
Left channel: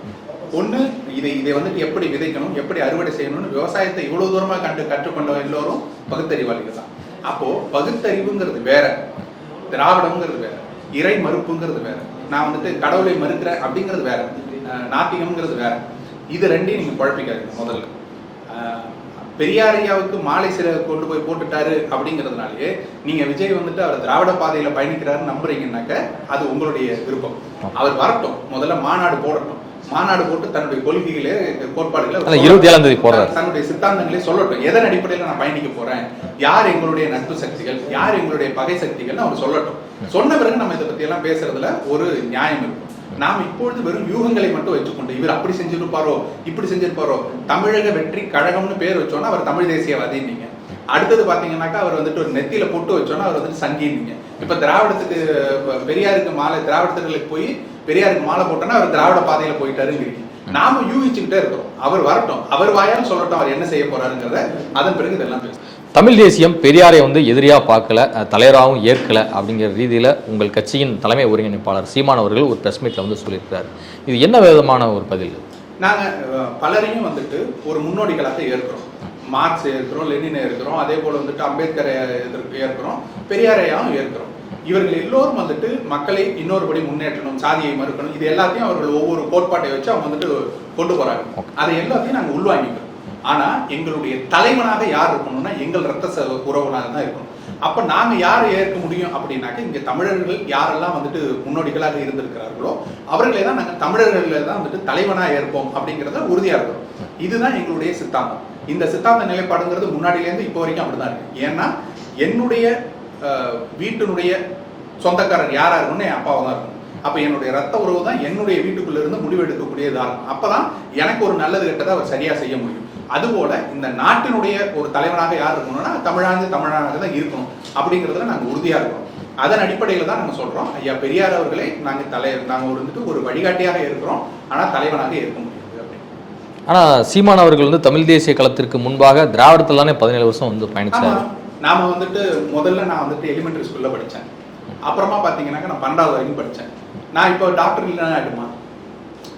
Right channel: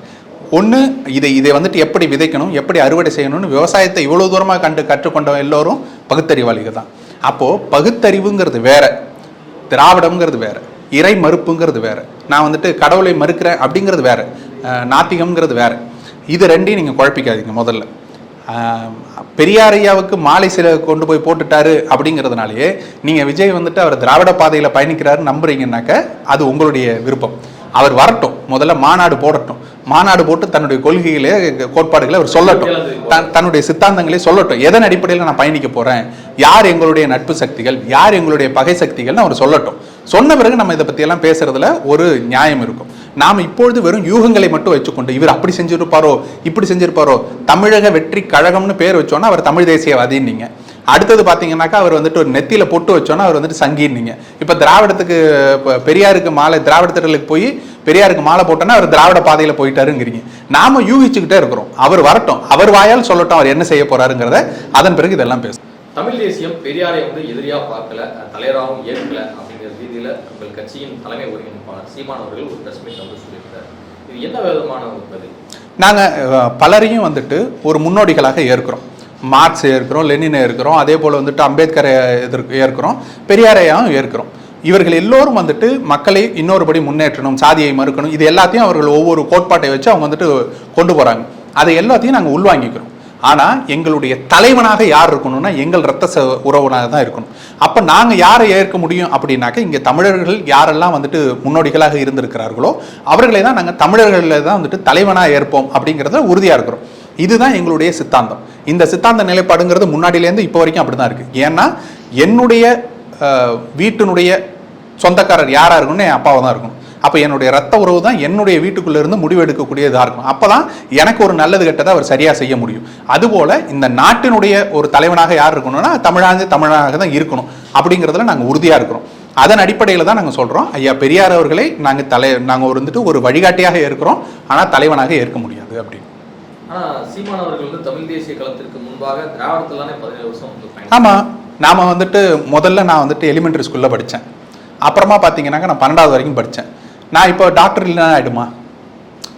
ஒன்று இதை இதை வந்துட்டு எப்படி விதைக்கணும் எப்படி அறுவடை செய்யணும்னு விவசாயத்தை இவ்வளோ தூரமாக கண்டு கற்றுக்கொண்ட எல்லோரும் பகுத்தறிவாளிகள் தான். அப்போது பகுத்தறிவுங்கிறது வேற திராவிடம்ங்கிறது வேற இறை மறுப்புங்கிறது வேற நான் வந்துட்டு கடவுளை மறுக்கிறேன் அப்படிங்கிறது வேற நாத்திகம்ங்கிறது வேற. இது ரெண்டையும் நீங்கள் குழப்பிக்காதீங்க முதல்ல. அஹ் பெரியார் ஐயாவுக்கு மாலை சில கொண்டு போய் போட்டுட்டாரு அப்படிங்கிறதுனாலயே நீங்கள் விஜய் வந்துட்டு அவர் திராவிட பாதையில் பயணிக்கிறாரு நம்புறீங்கன்னாக்க அது உங்களுடைய விருப்பம். அவர் வரட்டும். முதல்ல மாநாடு போடட்டும். மாநாடு போட்டு தன்னுடைய கொள்கைகளே கோட்பாடுகளை அவர். தன்- தன்னுடைய சித்தாந்தங்களை சொல்லட்டும். எதன் அடிப்படையில் நான் பயணிக்க போறேன்? யார் எங்களுடைய நட்பு சக்திகள்? யார் எங்களுடைய பகை சக்திகள்னு அவர் சொல்லட்டும். சொன்ன பிறகு நம்ம இதை பத்தி எல்லாம் பேசுறதுல ஒரு நியாயம் இருக்கும். நாம் இப்பொழுது வெறும் யூகங்களை மட்டும் வச்சுக்கொண்டு இவர் அப்படி செஞ்சிருப்பாரோ இப்படி செஞ்சிருப்பாரோ தமிழக வெற்றி கழகம்னு பேர் வச்சோன்னா அவர் தமிழ் தேசியவாதின்னீங்க. அடுத்தது பார்த்தீங்கன்னாக்கா அவர் வந்துட்டு ஒரு நெத்தியில் பொட்டு வச்சோன்னா அவர் வந்துட்டு சங்கின்னீங்க. இப்போ திராவிடத்துக்கு பெரியாருக்கு மாலை திராவிட திட்டலுக்கு போய் பெரியாருக்கு மாலை போட்டோன்னா அவர் திராவிட பாதையில் போயிட்டாருங்கிறீங்க. நாம யூகிச்சுக்கிட்டே இருக்கிறோம். அவர் வரட்டும். அவர் வாயால் சொல்லட்டும். அவர் என்ன செய்ய போறாருங்கிறத அதன் பிறகு இதெல்லாம் பேசும் தமிழ் தேசியம் பெரியாரை வந்து எதிரியா பார்க்கல தலைவராகவும் ஏற்கல அப்படிங்கிற ரீதியில உங்கள் கட்சியின் தலைமை ஒருங்கிணைப்பாளர் சீமான் அவர்கள் ஒரு பிரஸ் மீட்ல வந்து சொல்லியிருக்கிறார். இது என்ன விதமான ஒரு பதில்? நாங்க அஹ், பலரையும் வந்துட்டு ஒரு முன்னோடிகளாக ஏற்கிறோம். மார்க்ஸ் ஏற்கிறோம் லெனினை ஏற்கிறோம் அதே போல வந்துட்டு அம்பேத்கரை எதிர்க்க ஏற்கிறோம் பெரியாரையும் ஏற்கிறோம். இவர்கள் எல்லோரும் வந்துட்டு மக்களை இன்னொருபடி முன்னேற்றணும் சாதியை மறுக்கணும் இது எல்லாத்தையும் அவர்கள் ஒவ்வொரு கோட்பாட்டை வச்சு அவங்க வந்துட்டு கொண்டு போறாங்க. அதை எல்லாத்தையும் நாங்க உள்வாங்கிக்கிறோம். ஆனால் எங்களுடைய தலைவனாக யார் இருக்கணும்னா எங்கள் ரத்த ச தான் இருக்கணும். அப்போ நாங்கள் யாரை ஏற்க முடியும் அப்படின்னாக்க இங்கே தமிழர்கள் யாரெல்லாம் வந்துட்டு முன்னோடிகளாக இருந்திருக்கிறார்களோ அவர்களை தான் நாங்கள் தமிழர்களில் தான் வந்துட்டு தலைவனாக ஏற்போம் அப்படிங்கிறத உறுதியாக இருக்கிறோம். இதுதான் எங்களுடைய சித்தாந்தம். இந்த சித்தாந்த நிலைப்பாடுங்கிறது முன்னாடியிலேருந்து இப்போ வரைக்கும் அப்படிதான் இருக்குது ஏன்னா என்னுடைய வீட்டினுடைய சொந்தக்காரர் யாராக இருக்கணும்னு என் அப்பாவை தான் இருக்கும் அப்ப என்னுடைய ரத்த உறவு தான் என்னுடைய வீட்டுக்குள்ள இருந்து முடிவு எடுக்கக்கூடியதா இருக்கும் அப்பதான் எனக்கு ஒரு நல்லது கெட்டதை அவர் சரியா செய்ய முடியும். அதுபோல இந்த நாட்டினுடைய ஒரு தலைவனாக யார் இருக்கணும்னா தமிழாந்து தமிழனாக தான் இருக்கணும். அப்படிங்கிறதுல நாங்க உறுதியா இருக்கிறோம். அதன் அடிப்படையில தான் நாங்க சொல்றோம். ஐயா பெரியார் அவர்களை நாங்க தலை நாங்க ஒரு வந்துட்டு ஒரு வழிகாட்டியாக இருக்கிறோம். ஆனா தலைவனாக ஏற்க முடியாது அப்படின்னு. ஆனா சீமான் அவர்கள் வந்து தமிழ் தேசிய களத்திற்கு முன்பாக திராவிடத்தில் தானே பதினேழு வருஷம் வந்து ஆமா. பயணிச்சாங்க நாம வந்துட்டு முதல்ல நான் வந்துட்டு எலிமெண்டரி ஸ்கூல்ல படிச்சேன். அப்புறமா பாத்தீங்கன்னாக்க நான் பன்னெண்டாவது வரைக்கும் படிச்சேன். நான் இப்போ டாக்டர் இல்லைன்னா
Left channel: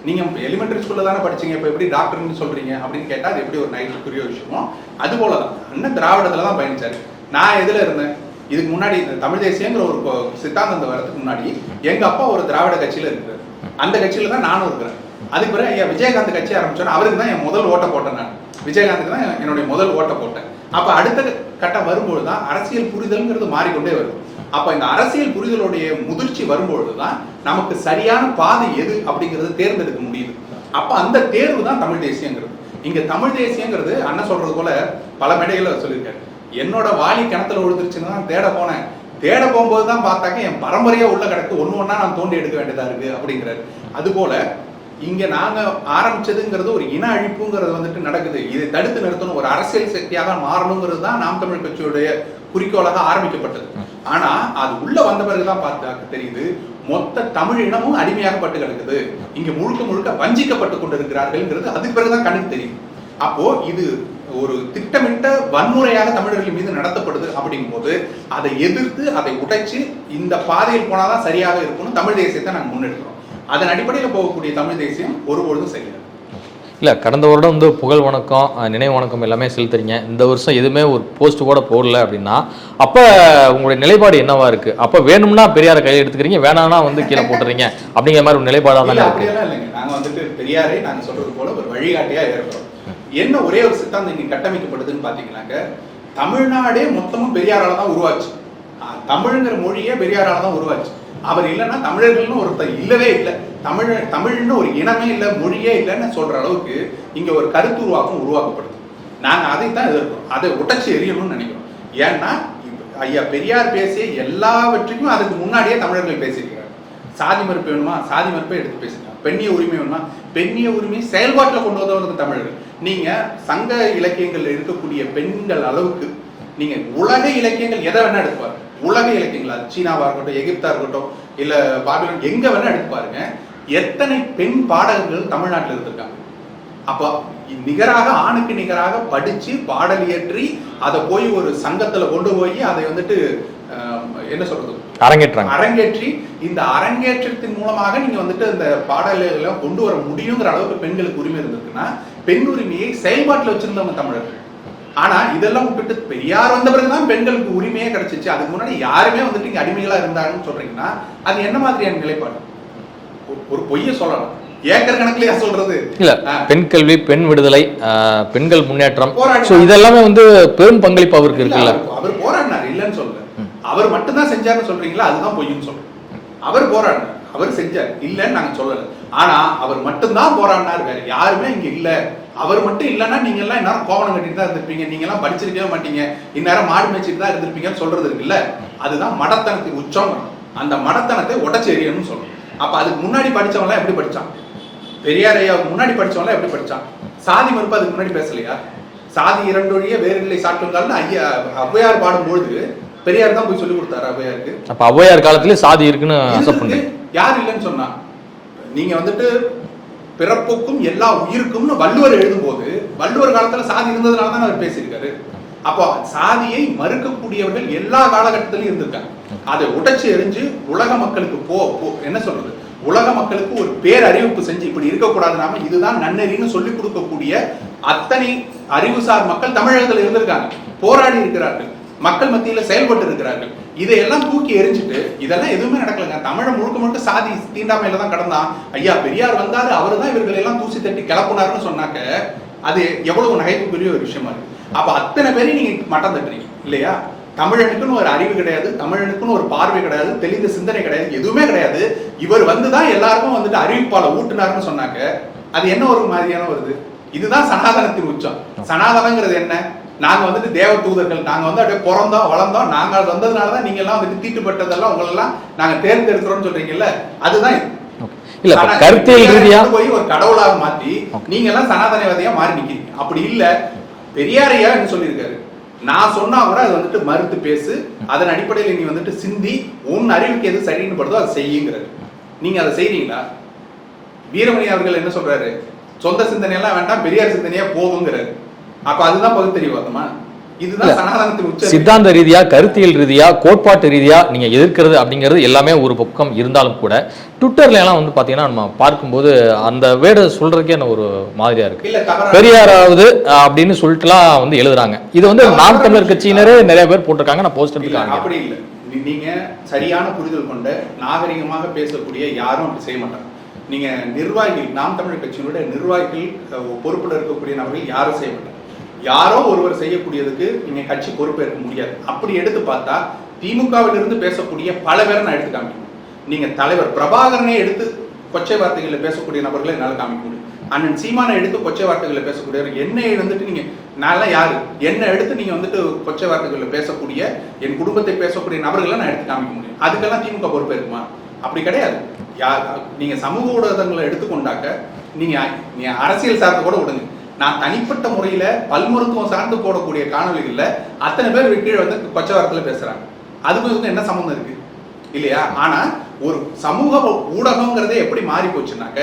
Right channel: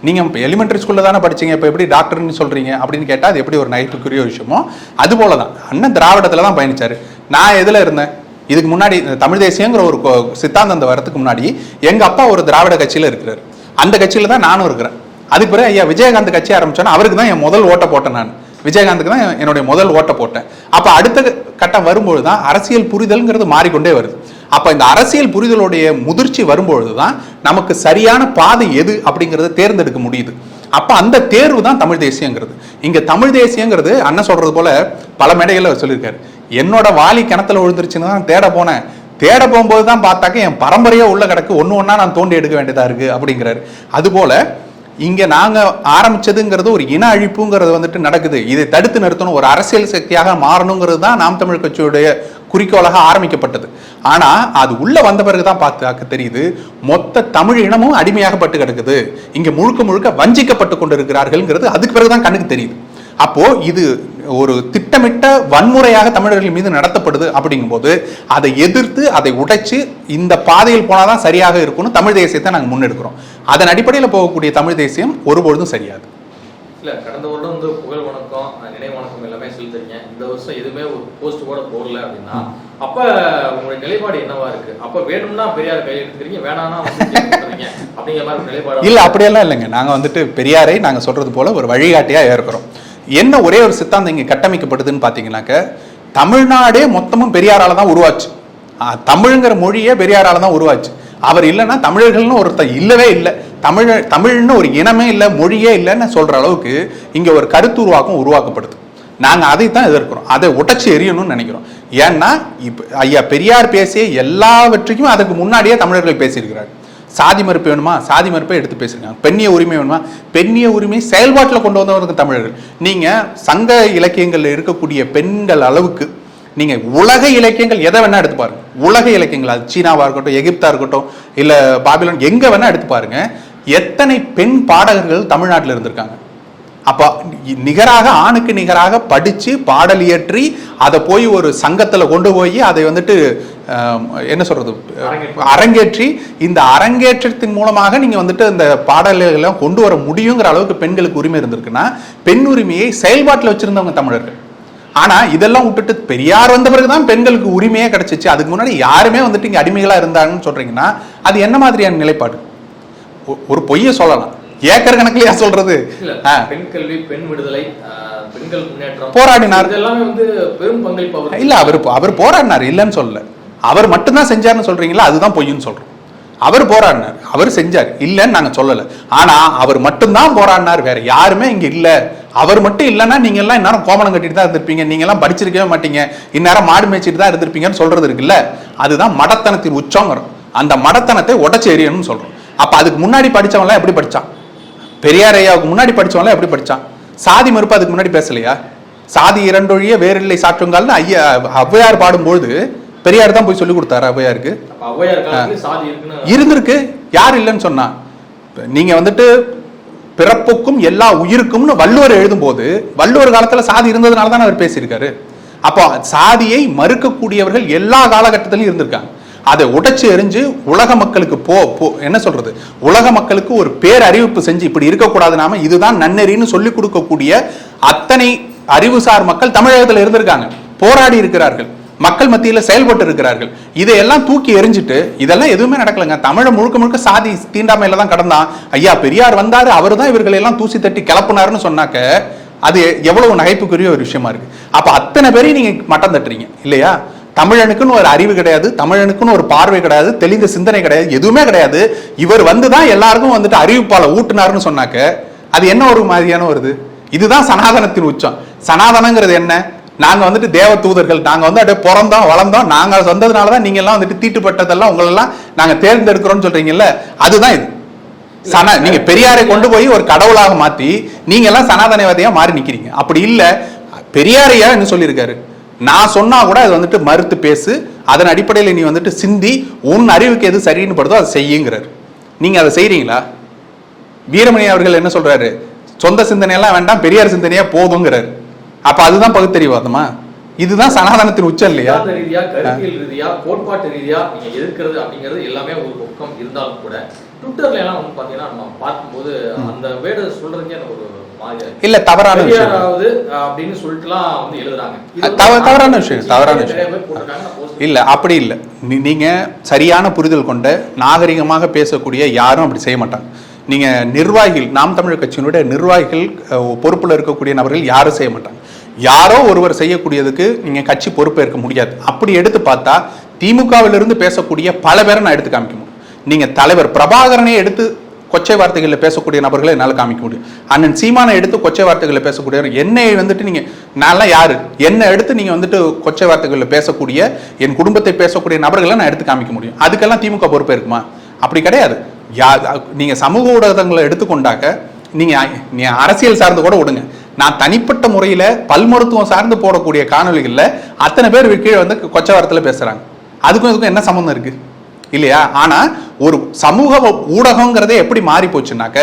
நீங்கள் இப்போ எலிமெண்ட்ரி ஸ்கூலில் தானே படிச்சீங்க இப்போ எப்படி டாக்டர்னு சொல்கிறீங்க அப்படின்னு கேட்டால் அது எப்படி ஒரு நைட்டுக்குரிய விஷயமோ அது போல தான் அண்ணன் திராவிடத்தில் தான் பயணிச்சாரு. நான் எதில் இருந்தேன்? இதுக்கு முன்னாடி தமிழ் தேசியங்கிற ஒரு சித்தாந்தம் வரதுக்கு முன்னாடி எங்கள் அப்பா ஒரு திராவிட கட்சியில் இருக்கிறார். அந்த கட்சியில் தான் நானும் இருக்கிறேன். அதுக்கு பிறகு ஐயா விஜயகாந்த் கட்சி ஆரம்பிச்சோன்னா அவருக்கு தான் என் முதல் ஓட்டை போட்டேன் நான். விஜயகாந்துக்கு தான் என்னுடைய முதல் ஓட்டை போட்டேன். அப்போ அடுத்த கட்டம் வரும்பொழுது தான் அரசியல் புரிதல்ங்கிறது மாறிக்கொண்டே வருது. அப்ப இந்த அரசியல் புரிதலுடைய முதிர்ச்சி வரும்பொழுது தான் நமக்கு சரியான பாதை எது அப்படிங்கறத தேர்ந்தெடுக்க முடியுது. அப்ப அந்த தேர்வு தான் தமிழ் தேசியங்கிறது. இங்க தமிழ் தேசியங்கிறது அண்ணன் சொல்றது போல பல மேடைகள்ல சொல்லியிருக்காரு. என்னோட வாலி கிணத்துல விழுந்துருச்சுன்னு தான் தேட போனேன். தேட போகும்போது தான் பார்த்தாக்க என் பரம்பரையே உள்ள கிடக்கு. ஒன்று ஒன்றா நான் தோண்டி எடுக்க வேண்டியதா இருக்கு அப்படிங்கிறாரு. அதுபோல் இங்க நாங்க ஆரம்பிச்சதுங்கிறது ஒரு இன அழிப்புங்கிறது வந்துட்டு நடக்குது. இதை தடுத்து நிறுத்தணும். ஒரு அரசியல் சக்தியாக மாறணுங்கிறது தான் நாம் தமிழ் கட்சியுடைய குறிக்கோளாக ஆரம்பிக்கப்பட்டது. ஆனால் அது உள்ளே வந்த பிறகு தான் பார்த்தாக்க தெரியுது மொத்த தமிழ் இனமும் அடிமையாகப்பட்டு கிடக்குது. இங்கே முழுக்க முழுக்க வஞ்சிக்கப்பட்டு கொண்டிருக்கிறார்கள்ங்கிறது அதுக்கு பிறகு தான் கண்ணுக்கு தெரியுது. அப்போ இது ஒரு திட்டமிட்ட வன்முறையாக தமிழர்கள் மீது நடத்தப்படுது அப்படிங்கும்போது அதை எதிர்த்து அதை உடைச்சு இந்த பாதையில் போனாதான் சரியாக இருக்கும்னு தமிழ் தேசியத்தை நாங்கள் முன்னெடுக்கிறோம். அதன் அடிப்படையில் போகக்கூடிய தமிழ் தேசியம் ஒருபொழுதும் சரியாது. இல்ல கடந்த வருடம் வந்து புகழ் வணக்கம் நினைவு வணக்கம் எல்லாமே செலுத்துறீங்க. இந்த வருஷம் எதுவுமே ஒரு போஸ்ட் கூட போடல அப்படின்னா அப்ப உங்களுடைய நிலைப்பாடு என்னவா இருக்கு? அப்ப வேணும்னா பெரியார கையில் எடுத்துக்கிறீங்க வேணாம்னா வந்து கீழே போட்டுறீங்க அப்படிங்கிற மாதிரி ஒரு நிலைப்பாடு இல்ல அப்படியெல்லாம் இல்லைங்க. நாங்க வந்துட்டு பெரியாரை நாங்க சொல்றது போல ஒரு வழிகாட்டியா இருக்கிறோம் என்ன ஒரே ஒரு சித்தாந்தம் இங்க கட்டமைக்கப்படுதுன்னு பாத்தீங்கன்னாக்க தமிழ்நாடே மொத்தமும் பெரியாரால தான் உருவாச்சு. தமிழ்ங்கிற மொழியே பெரியாரால தான் உருவாச்சு. அவர் இல்லைன்னா தமிழர்கள்னு ஒருத்தர் இல்லவே இல்லை. தமிழ் தமிழ்னு ஒரு இனமே இல்லை மொழியே இல்லைன்னு சொல்கிற அளவுக்கு இங்கே ஒரு கருத்து உருவாக்கம் உருவாக்கப்படுது. நாங்கள் அதை தான் எதிர்க்கிறோம். அதை உடச்சி எறியணும்னு நினைக்கிறோம். ஏன்னா இப்போ ஐயா பெரியார் பேசிய எல்லாவற்றையும் அதுக்கு முன்னாடியே தமிழர்கள் பேசியிருக்கிறார். சாதி மறுப்பு வேணுமா? சாதி மறுப்பை எடுத்து பேசுங்க பெண்ணிய உரிமை வேணுமா? பெண்ணிய உரிமை செயல்பாட்டில் கொண்டு வந்தவர்கள் தமிழர்கள். நீங்கள் சங்க இலக்கியங்களில் இருக்கக்கூடிய பெண்கள் அளவுக்கு நீங்க உலக இலக்கியங்கள் எதை வேணா எடுத்து பாருங்க. உலக இலக்கியங்கள் அது சீனாவா இருக்கட்டும் எகிப்தா இருக்கட்டும் இல்ல பாபிலோன் எங்க வேணா எடுத்து பாருங்க. எத்தனை பெண் பாடகர்கள் தமிழ்நாட்டில் இருந்திருக்காங்க. அப்ப நிகராக ஆணுக்கு நிகராக படிச்சு பாடல் இயற்றி அதை போய் ஒரு சங்கத்துல கொண்டு போய் அதை வந்துட்டு என்ன சொல்றது? அரங்கேற்றம். அரங்கேற்றி இந்த அரங்கேற்றத்தின் மூலமாக நீங்க வந்துட்டு இந்த பாடல்களை கொண்டு வர முடியுங்கிற அளவுக்கு பெண்களுக்கு உரிமை இருந்திருக்குன்னா பெண் உரிமையை செயல்பாட்டில் வச்சிருந்தவங்க தமிழர்கள். ஆனா இதெல்லாம் விட்டுட்டு பெரியார் வந்த பிறகுதான் பெண்களுக்கு உரிமையே கிடைச்சிச்சு. அதுக்கு முன்னாடி யாருமே வந்துட்டு இங்க அடிமைகளா இருந்தாங்கன்னு சொல்றீங்கன்னா அது என்ன மாதிரியான நிலைப்பாடு? ஒரு பொய்யை சொல்லலாம். ஏக்கர் கணக்குலயா சொல்றது? இல்ல. பெண் கல்வி பெண் விடுதலை பெண்கள் முன்னேற்றம். போராடினார். இதெல்லாமே வந்து பெரும் பங்களிப்பு அவருக்கு இல்ல. அவர் அவர் போராடினார் இல்லைன்னு சொல்லல. அவர் மட்டும்தான் செஞ்சாருன்னு சொல்றீங்களா? அதுதான் பொய்ன்னு சொல்றோம். அவர் போராடினார் அவர் செஞ்சார் இல்லைன்னு நாங்க சொல்லல. ஆனா அவர் மட்டும்தான் போராடினார் வேற யாருமே இங்க இல்ல. அவர் மட்டும் இல்லைன்னா நீங்க எல்லாம் இந்நேரம் கோமணம் கட்டிட்டு தான் இருந்திருப்பீங்க. நீங்க எல்லாம் படிச்சிருக்கவே மாட்டீங்க. இந்நேரம் மாடு மேய்ச்சிட்டு தான் இருந்திருப்பீங்கன்னு சொல்றது இருக்குல்ல? அதுதான் மடத்தனத்தின் உச்சங்கிறோம் அந்த மடத்தனத்தை உடச்சு எறியணும்னு சொல்றோம். அப்ப அதுக்கு முன்னாடி படிச்சவங்க எல்லாம் எப்படி படிச்சான்? பெரியார் ஐயாவுக்கு முன்னாடி படிச்சவங்க எப்படி படிச்சான்? சாதி மறுப்பு அதுக்கு முன்னாடி பேசலையா? சாதி இரண்டொழிய வேறில்லை சாற்றுங்கால்னு ஐயா ஔவையார் பாடும்பொழுது பெரியார் தான் போய் சொல்லி கொடுத்தாரு ஔவையாருக்கு. அப்ப ஔவையார் காலத்துல சாதி இருக்குன்னு இருந்திருக்கு. யார் இல்லைன்னு சொன்னா. நீங்க வந்துட்டு பிறப்புக்கும் எல்லா உயிருக்கும்னு வள்ளுவர் எழுதும்போது வள்ளுவர் காலத்துல சாதி இருந்ததுனால தான் அவர் பேசியிருக்காரு. அப்போ சாதியை மறுக்கக்கூடியவர்கள் எல்லா காலகட்டத்திலும் இருந்திருக்காங்க. அதை உடைச்சு எறிஞ்சு உலக மக்களுக்கு போ போ என்ன சொல்றது? உலக மக்களுக்கு ஒரு பேரறிவிப்பு செஞ்சு இப்படி இருக்கக்கூடாது நாம இதுதான் நன்னெறின்னு சொல்லி கொடுக்கக்கூடிய அத்தனை அறிவுசார் மக்கள் தமிழகத்தில் இருந்திருக்காங்க. போராடி இருக்கிறார்கள். மக்கள் மத்தியில் செயல்பட்டு இருக்கிறார்கள் இதையெல்லாம் தூக்கி எறிஞ்சிட்டு இதெல்லாம் எதுவுமே நடக்கலங்க. தமிழை முழுக்க முழுக்க சாதி தீண்டாமையில தான் கடந்தான் ஐயா பெரியார் வந்தாரு அவர் தான் இவர்களை எல்லாம் தூசி தட்டி கிளப்புனாருன்னு சொன்னாக்க அது எவ்வளவு நகைப்புக்குரிய ஒரு விஷயமா இருக்கு. அப்ப அத்தனை பேரையும் நீங்க மட்டம் தட்டுறீங்க இல்லையா? தமிழனுக்குன்னு ஒரு அறிவு கிடையாது தமிழனுக்குன்னு ஒரு பார்வை கிடையாது தெளிந்த சிந்தனை கிடையாது எதுவுமே கிடையாது. இவர் வந்து தான் எல்லாருக்கும் வந்துட்டு அறிவிப்பால ஊட்டினாருன்னு சொன்னாக்க அது என்ன ஒரு மாதிரியான வருது இதுதான் சனாதனத்தின் உச்சம். சனாதனங்கிறது என்ன? நாங்க வந்துட்டு தேவ தூதர்கள் நாங்க வந்து அப்படியே பிறந்தோம் வளர்ந்தோம். நாங்க வந்ததுனால தான் நீங்க எல்லாம் வந்துட்டு தீட்டுப்பட்டதெல்லாம் உங்களெல்லாம் நாங்க தேர்ந்தெடுக்கிறோம்னு சொல்றீங்கல்ல அதுதான் இது. இல்ல, பெரியாரை கொண்டு போய் ஒரு கடவுளாக மாத்தி நீங்க எல்லாம் சனாதனவாதியா மாறி நிக்கிறீங்க. அப்படி இல்ல. பெரியாரையா என்ன சொல்லியிருக்காரு? நான் சொன்னா கூட அது வந்துட்டு மறுத்து பேசு அதன் அடிப்படையில் நீ வந்துட்டு சிந்தி உன் அறிவுக்கு எது சரின்னு படுதோ அதை செய்யுங்கிறாரு. நீங்க அதை செய்றீங்களா? வீரமணி அவர்கள் என்ன சொல்றாரு? சொந்த சிந்தனையெல்லாம் வேண்டாம் பெரியார் சிந்தனையா போதுங்கிறாரு. அப்ப அதுதான் பகுத்தறிவாதமா இதுதான் சனாதனத்தின் இல்லையா? சித்தாந்த ரீதியா கருத்தியல் ரீதியா கோட்பாட்டு ரீதியா நீங்க எதிர்க்கிறது அப்படிங்கிறது எல்லாமே ஒரு பக்கம் இருந்தாலும் கூட ட்விட்டர்ல எல்லாம் வந்து பாத்தீங்கன்னா நம்ம பார்க்கும்போது அந்த வேர்டு சொல்றதுக்கே என்ன ஒரு மாதிரியா இருக்கு. இல்ல தவறா பெரியாராவது அப்படின்னு சொல்லிட்டுலாம் வந்து எழுதுறாங்க. இது வந்து கட்சியினரே நிறைய பேர் போட்டிருக்காங்க. நான் போஸ்டர் இல்ல அப்படி இல்ல. நீங்க சரியான புரிதல் கொண்ட நாகரிகமாக பேசக்கூடிய யாரும் அப்படி செய்ய மாட்டாங்க. நீங்க நிர்வாகிகள் நாம் தமிழர் கட்சியினுடைய நிர்வாகிகள் பொறுப்புல இருக்கக்கூடிய நபர்கள் யாரும் செய்ய மாட்டாங்க. யாரோ ஒருவர் செய்யக்கூடியதுக்கு நீங்க கட்சி பொறுப்பேற்க முடியாது. அப்படி எடுத்து பார்த்தா திமுகவிலிருந்து பேசக்கூடிய பல பேரை நான் எடுத்து காமிக்கணும் நீங்கள் நீங்க தலைவர் பிரபாகரனை எடுத்து கொச்சை வார்த்தைகளில் பேசக்கூடிய நபர்களை என்னால் காமிக்க முடியும். அண்ணன் சீமானை எடுத்து கொச்சை வார்த்தைகளில் பேசக்கூடிய என்னை வந்துட்டு நீங்கள் நான்லாம் யார்? என்னை எடுத்து நீங்கள் வந்துட்டு கொச்சை வார்த்தைகளில் பேசக்கூடிய என் குடும்பத்தை பேசக்கூடிய நபர்களை நான் எடுத்து காமிக்க முடியும். அதுக்கெல்லாம் திமுக பொறுப்பு இருக்குமா? அப்படி கிடையாது. யா நீங்கள் சமூக ஊடகங்களை எடுத்துக்கொண்டாக்க நீங்கள் அரசியல் சார்ந்து கூட விடுங்க நான் தனிப்பட்ட முறையில பல் மருத்துவம் சார்ந்து போடக்கூடிய காணொளிகள்ல அத்தனை பேர் கீழே வந்து கொச்சை வார்த்தையில பேசுறாங்க. அதுக்கும் இதுக்கும் என்ன சம்மந்தம் இருக்கு? இல்லையா? ஆனா ஒரு சமூக ஊடகங்கிறதே எப்படி மாறி போச்சுனாக்க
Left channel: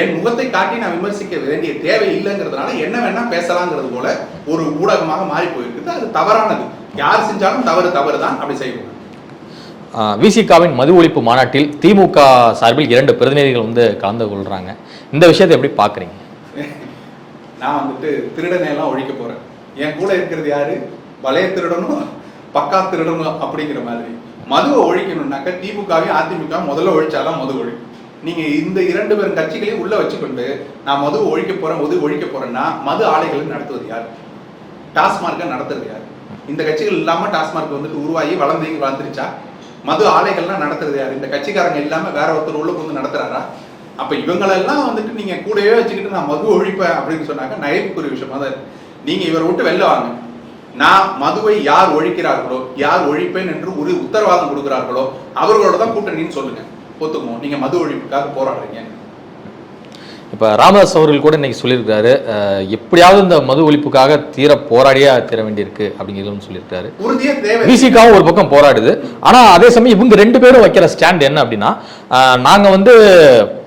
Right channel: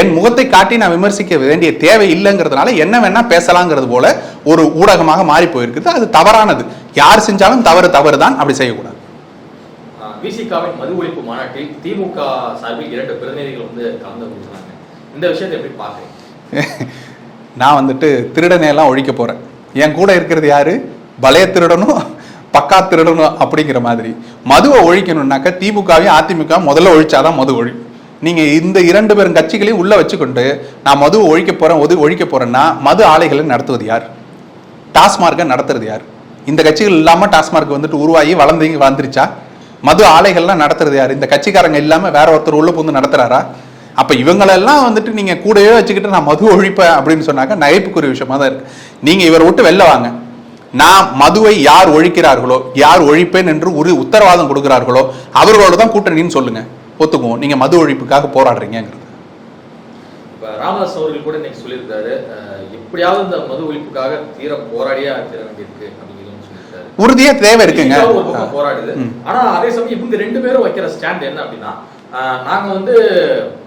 என் முகத்தை காட்டி நான் விமர்சிக்க வேண்டிய தேவை இல்லைங்கிறதுனால என்ன வேணா பேசலாங்கிறது போல ஒரு ஊடகமாக மாறி போயிருக்குது. அது தவறானது. யார் செஞ்சாலும் தவறு தவறு தான் அப்படி செய்யக்கூடாது. விசிகாவின் மது ஒழிப்பு மாநாட்டில் திமுக சார்பில் இரண்டு பிரதிநிதிகள் வந்து கலந்து கொள்றாங்க. இந்த விஷயத்தை எப்படி பாக்குறீங்க? நான் வந்துட்டு திருடனை எல்லாம் ஒழிக்க போறேன். என் கூட இருக்கிறது யாரு? பலைய திருடனும் பக்கா திருடனும் அப்படிங்கிற மாதிரி. மதுவை ஒழிக்கணும்னாக்க திமுகவையும் அதிமுக முதல்ல ஒழிச்சாதான் மது ஒழி. நீங்க இந்த இரண்டு பேரும் கட்சிகளையும் உள்ள வச்சுக்கொண்டு நான் மதுவை ஒழிக்க போறேன் ஒது ஒழிக்க போறேன்னா மது ஆலைகளை நடத்துவது யார்? டாஸ்மார்க்கை நடத்துறது யார்? இந்த கட்சிகள் இல்லாம டாஸ்மார்க் வந்துட்டு உருவாகி வளர்ந்து வளர்ந்துருச்சா? மது ஆலைகள்லாம் நடத்துறது யார்? இந்த கட்சிக்காரங்க இல்லாம வேற ஒருத்தர் உள்ள புந்து நடத்துறாரா? அப்போ இவங்களெல்லாம் வந்துட்டு நீங்கள் கூடவே வச்சுக்கிட்டு நான் மது ஒழிப்பேன் அப்படின்னு சொன்னாக்க நகைப்புக்குரிய விஷயமா தான் இருக்கு. நீங்கள் இவரை விட்டு வெளில வாங்க. நான் மதுவை யார் ஒழிக்கிறார்களோ யார் ஒழிப்பேன் என்று ஒரு உத்தரவாதம் கொடுக்கிறார்களோ அவர்களோட தான் கூட்டணின்னு சொல்லுங்க. ஒத்துக்குவோம். நீங்கள் மது ஒழிப்புக்காக போராடுறீங்கிறது இப்ப ராமதாஸ் அவர்கள் கூட இன்னைக்கு சொல்லியிருக்காரு எப்படியாவது இந்த மது ஒழிப்புக்காக தீர போராடியே தீர வேண்டியிருக்கு அப்படிங்கிறது சொல்லியிருக்காரு உறுதியா தேவை. பிசிகாவும் ஒரு பக்கம் போராடுது. ஆனா அதே சமயம் இவங்க ரெண்டு பேரும் வைக்கிற ஸ்டாண்ட் என்ன அப்படின்னா நாங்க வந்து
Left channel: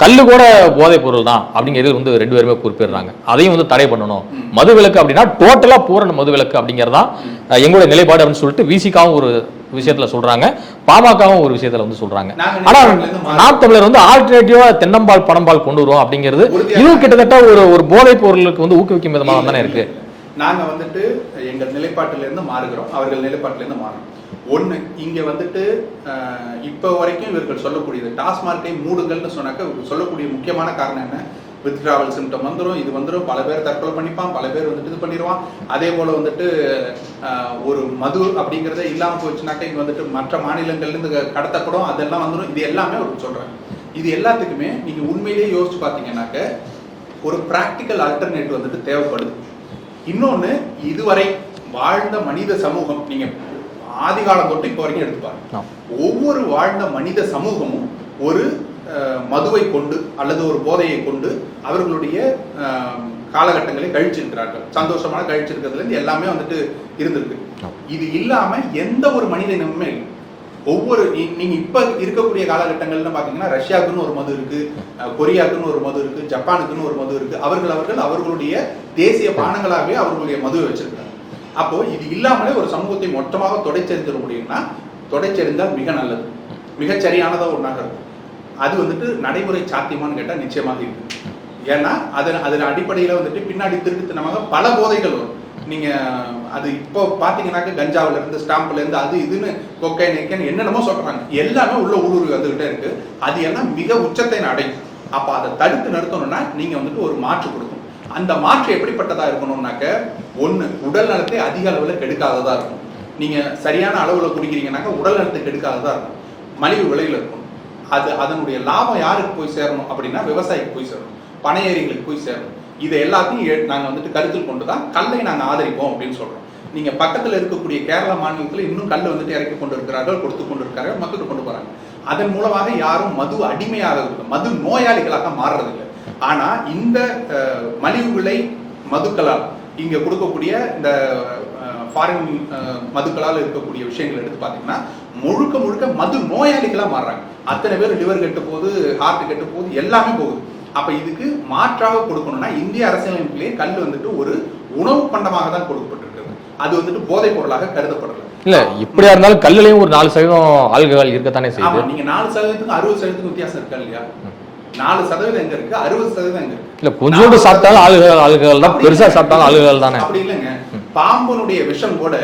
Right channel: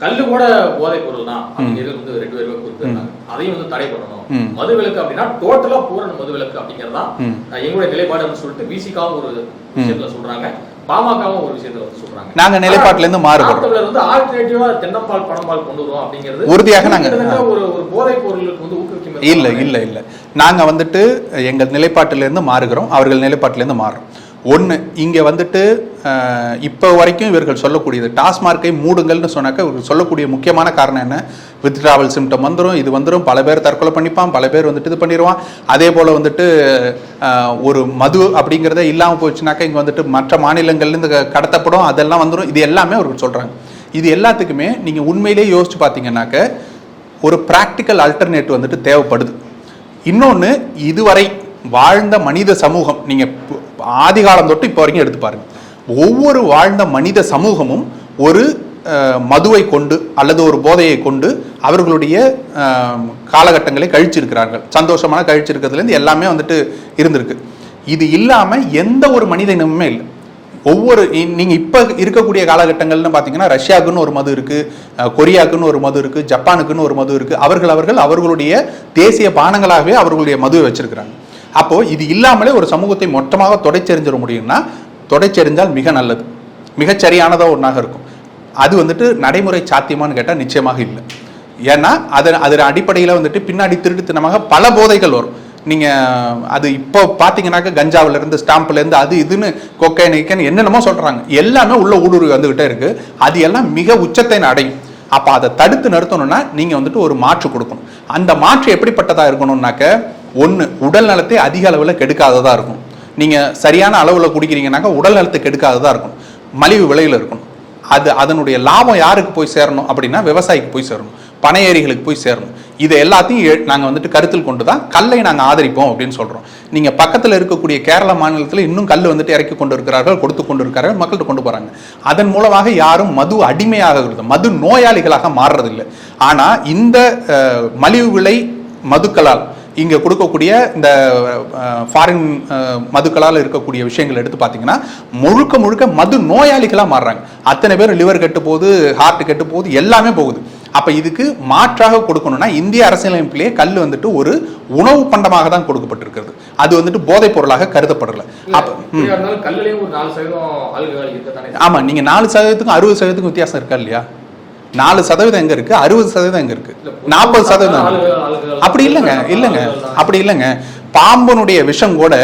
கல்லு கூட போதைப் பொருள் தான் அப்படிங்கிறது வந்து ரெண்டு பேருமே குறிப்பிடுறாங்க. அதையும் வந்து தடை பண்ணணும். மது விலக்கு அப்படின்னா டோட்டலா பூரண மது விலக்கு அப்படிங்கறதா ஆஹ், எங்களுடைய நிலைப்பாடு அப்படின்னு சொல்லிட்டு விசிகாவும் ஒரு விஷயத்துல சொல்றாங்க. பாமகவும் ஒரு விஷயத்துல வந்து சொல்றாங்க நாங்க ஆனா, நிலைப்பாட்டுல இருந்து மாறுறோம். நாம் தமிழர் வந்து ஆல்டர்னேட்டிவா தென்னம்பால் பணம்பால் கொண்டு வருவோம் அப்படிங்கிறது உறுதியாக கிட்டத்தட்ட ஒரு ஒரு போதைப் பொருளுக்கு வந்து ஊக்குவிக்கும் இல்ல இல்ல. இல்ல நாங்க வந்துட்டு எங்கள் நிலைப்பாட்டிலிருந்து மாறுகிறோம் அவர்கள் நிலைப்பாட்டிலிருந்து மாறுறோம் ஒன்று இங்கே வந்துட்டு இப்போ வரைக்கும் இவர்கள் சொல்லக்கூடியது டாஸ்மார்க்கை மூடுங்கள்னு சொன்னாக்க இவர்கள் சொல்லக்கூடிய முக்கியமான காரணம் என்ன? வித்ட்ராவல் சிம்டம் வந்துடும் இது வந்துடும் பல பேர் தற்கொலை பண்ணிப்பான் பல பேர் வந்துட்டு இது பண்ணிடுவான் அதே போல் வந்துட்டு ஒரு மது அப்படிங்கிறதே இல்லாமல் போச்சுனாக்கா இங்கே வந்துட்டு மற்ற மாநிலங்கள்லேருந்து க- கடத்தப்படும் அதெல்லாம் வந்துடும் இது எல்லாமே அவர்கள் சொல்கிறாங்க இது எல்லாத்துக்குமே நீங்கள் உண்மையிலேயே யோசிச்சு பார்த்தீங்கன்னாக்க ஒரு ப்ராக்டிக்கல் அல்டர்னேட் வந்துட்டு தேவைப்படுது. இன்னொன்று இதுவரை வாழ்ந்த மனித சமூகம் நீங்கள் ஆதி காலம் தொட்டு இப்போ வரைக்கும் எடுத்து பாருங்க. ஒவ்வொரு வாழ்ந்த மனித சமூகமும் ஒரு மதுவை கொண்டு அல்லது ஒரு போதையை கொண்டு அவர்களுடைய காலகட்டங்களை கழிச்சிருக்கிறார்கள். சந்தோஷமான கழிச்சிருக்கிறதுலேருந்து எல்லாமே வந்துட்டு இருந்திருக்கு. இது இல்லாம எந்த ஒரு மனித இனமுமே இல்லை. ஒவ்வொரு இ- நீங்க இப்ப இருக்கக்கூடிய காலகட்டங்கள்னு பாத்தீங்கன்னா ரஷ்யாவுக்குன்னு ஒரு மது இருக்கு அஹ், கொரியாவுக்குன்னு ஒரு மது இருக்கு ஜப்பானுக்குன்னு ஒரு மது இருக்கு. அவர்கள் அவர்கள் அவர்களுடைய தேசிய பானங்களாகவே அவர்களுடைய மதுவை வச்சிருக்கிறாங்க. அப்போது இது இல்லாமலே ஒரு சமூகத்தை மொத்தமாக தொடைச்செறிஞ்சிட முடியும்னா தொடைச்செறிஞ்சால் மிக நல்லது. மிகச்சரியானதாக ஒன்றாக இருக்கும். அது வந்துட்டு நடைமுறை சாத்தியமான்னு கேட்டால் நிச்சயமாக இல்லை. ஏன்னா அதன் அதன் அடிப்படையில் வந்துட்டு பின்னாடி திருட்டுத்தனமாக பல போதைகள் வரும். நீங்கள் அது இப்போ பார்த்தீங்கன்னாக்க கஞ்சாவிலேருந்து இருந்து அது இதுன்னு கொக்கை என்னென்னமோ சொல்கிறாங்க எல்லாமே உள்ள ஊடுருவி வந்துகிட்டே இருக்குது அது எல்லாம் மிக உச்சத்தை அடையும். அப்போ அதை தடுத்து நிறுத்தணும்னா நீங்கள் வந்துட்டு ஒரு மாற்று கொடுக்கணும். அந்த மாற்று எப்படிப்பட்டதாக இருக்கணும்னாக்க ஒன்று உடல் நலத்தை அதிக அளவில் கெடுக்காததாக இருக்கும் நீங்கள் சரியான அளவில் குடிக்கிறீங்கன்னாக்கா உடல் நலத்தை கெடுக்காததாக இருக்கும் மலிவு விலையில் இருக்கணும். அது அதனுடைய லாபம் யாருக்கு போய் சேரணும் அப்படின்னா விவசாயிக்கு போய் சேரணும். பனை ஏரிகளுக்கு போய் சேரணும். இது எல்லாத்தையும் நாங்கள் வந்துட்டு கருத்தில் கொண்டு தான் கல்லை நாங்கள் ஆதரிப்போம் அப்படின்னு சொல்கிறோம் நீங்கள் பக்கத்தில் இருக்கக்கூடிய கேரள மாநிலத்தில் இன்னும் கல் வந்துட்டு இறக்கி கொண்டு இருக்கிறார்கள் கொடுத்து கொண்டு இருக்கிறார்கள் மக்கள்கிட்ட கொண்டு போகிறாங்க அதன் மூலமாக யாரும் மது அடிமையாக மது நோயாளிகளாக மாறுறதில்லை. ஆனால் இந்த மலிவு விலை மதுக்களால் இங்கே கொடுக்கக்கூடிய இந்த ஃபாரின் மதுக்களால் இருக்கக்கூடிய விஷயங்கள் எடுத்து பார்த்தீங்கன்னா முழுக்க முழுக்க மது நோயாளிகளாக மாறுறாங்க. அத்தனை பேர் லிவர் கெட்டு போகுது ஹார்ட் கெட்டு போகுது எல்லாமே போகுது. அப்ப இதுக்கு மாற்றாக கொடுக்கணும்னா இந்திய அரசியலமைப்பிலேயே கல் வந்துட்டு ஒரு உணவு பண்டமாக தான் கொடுக்கப்பட்டிருக்கிறது. அது வந்துட்டு போதைப் பொருளாக கருதப்படல. இல்ல இப்படியா இருந்தாலும் கல்லுலயும் ஒரு நாலு சதவீதம் ஆல்கஹால் இருக்கத்தானே. ஆமா நீங்க நாலு சதவீதத்துக்கும் அறுபது சதவீதத்துக்கும் வித்தியாசம் இருக்கா இல்லையா? நாலு சதவீதம் எங்க இருக்கு? அறுபது சதவீதம் எங்க இருக்கு? நாற்பது சதவீதம். அப்படி இல்லைங்க, அப்படி இல்லைங்க. பாம்பனுடைய விஷம் கூட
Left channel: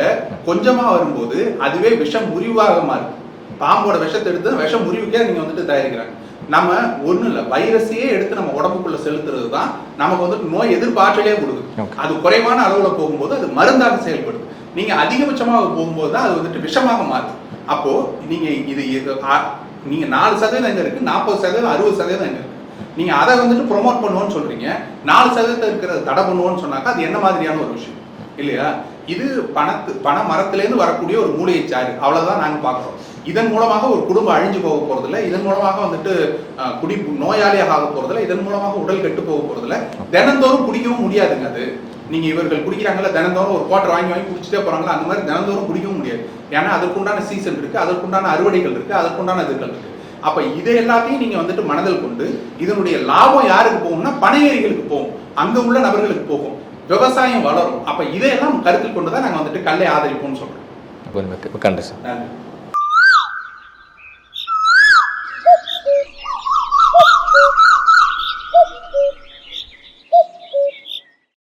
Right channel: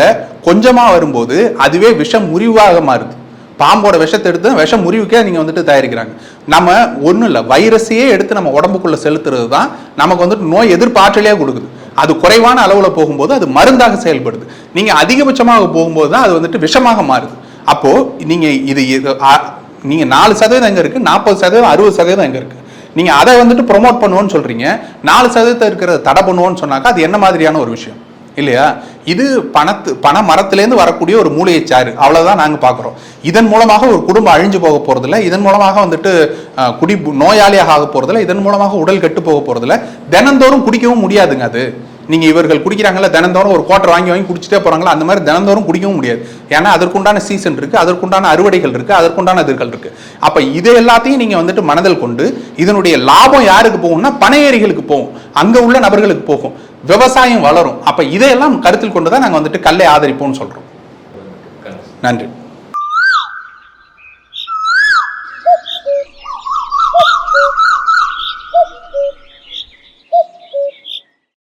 கொஞ்சமா வரும்போது அதுவே விஷம் முறிவாக மாறுது. பாம்போட விஷத்தை எடுத்து விஷம் முறிவுக்கே நீங்க வந்துட்டு தயாரிக்கிறாங்க. நம்ம ஒண்ணும் இல்ல வைரஸையே எடுத்து நம்ம உடம்புக்குள்ள செலுத்துறது தான் நமக்கு வந்துட்டு நோய் எதிர்ப்பாற்றலையே கொடுக்குது. அது குறைவான அளவுல போகும்போது அது மருந்தாக செயல்படுது. நீங்க அதிகபட்சமாக போகும்போது தான் அது வந்துட்டு விஷமாக மாறுது. அப்போ நீங்க இது இது- ஆ- நீங்க நாலு சதவீதம் எங்க இருக்கு? நாற்பது சதவீதம் அறுபது சதவீதம் எங்க இருக்கு? நீங்க அதை வந்துட்டு ப்ரோமோட் பண்ணுவோம்னு சொல்றீங்க. நாலு சதவீதம் இருக்கிறத தடை பண்ணுவோம்னு சொன்னாக்கா அது என்ன மாதிரியான ஒரு விஷயம்? இல்லையா? இது பணத்து பண மரத்திலேருந்து வரக்கூடிய ஒரு மூலிகைச்சாறு அவ்வளவுதான் நாங்க பாக்குறோம். இதன் மூலமாக ஒரு குடும்பம் அழிஞ்சு போக போகிறதில்ல இதன் மூலமாக வந்துட்டு குடி நோயாளியாக ஆக போகிறதில்ல இதன் மூலமாக உடல் கெட்டு போக போகிறதில்ல தினந்தோறும் குடிக்கவும் முடியாதுங்க அது. நீங்க இவர்கள் குடிக்கிறாங்கல்ல தினந்தோறும் ஒரு கோட்டை வாங்கி வாங்கி குடிச்சிட்டே போறாங்களா? அந்த மாதிரி தினந்தோறும் குடிக்கவும் முடியாது. ஏன்னா அதற்குண்டான சீசன் இருக்கு அதற்குண்டான அறுவடைகள் இருக்கு அதற்குண்டான இதுகள் இருக்கு. அப்ப இது எல்லாத்தையும் நீங்க வந்துட்டு மனதில் கொண்டு இதனுடைய லாபம் யாருக்கு போகும்னா பனையேரிகளுக்கு போகும். அங்க உள்ள நபர்களுக்கு போகும். விவசாயம் வளரும். அப்ப இதையெல்லாம் கருத்தில் கொண்டு தான் நாங்க வந்துட்டு கல்லை ஆதரிப்போம்னு சார் நன்றி.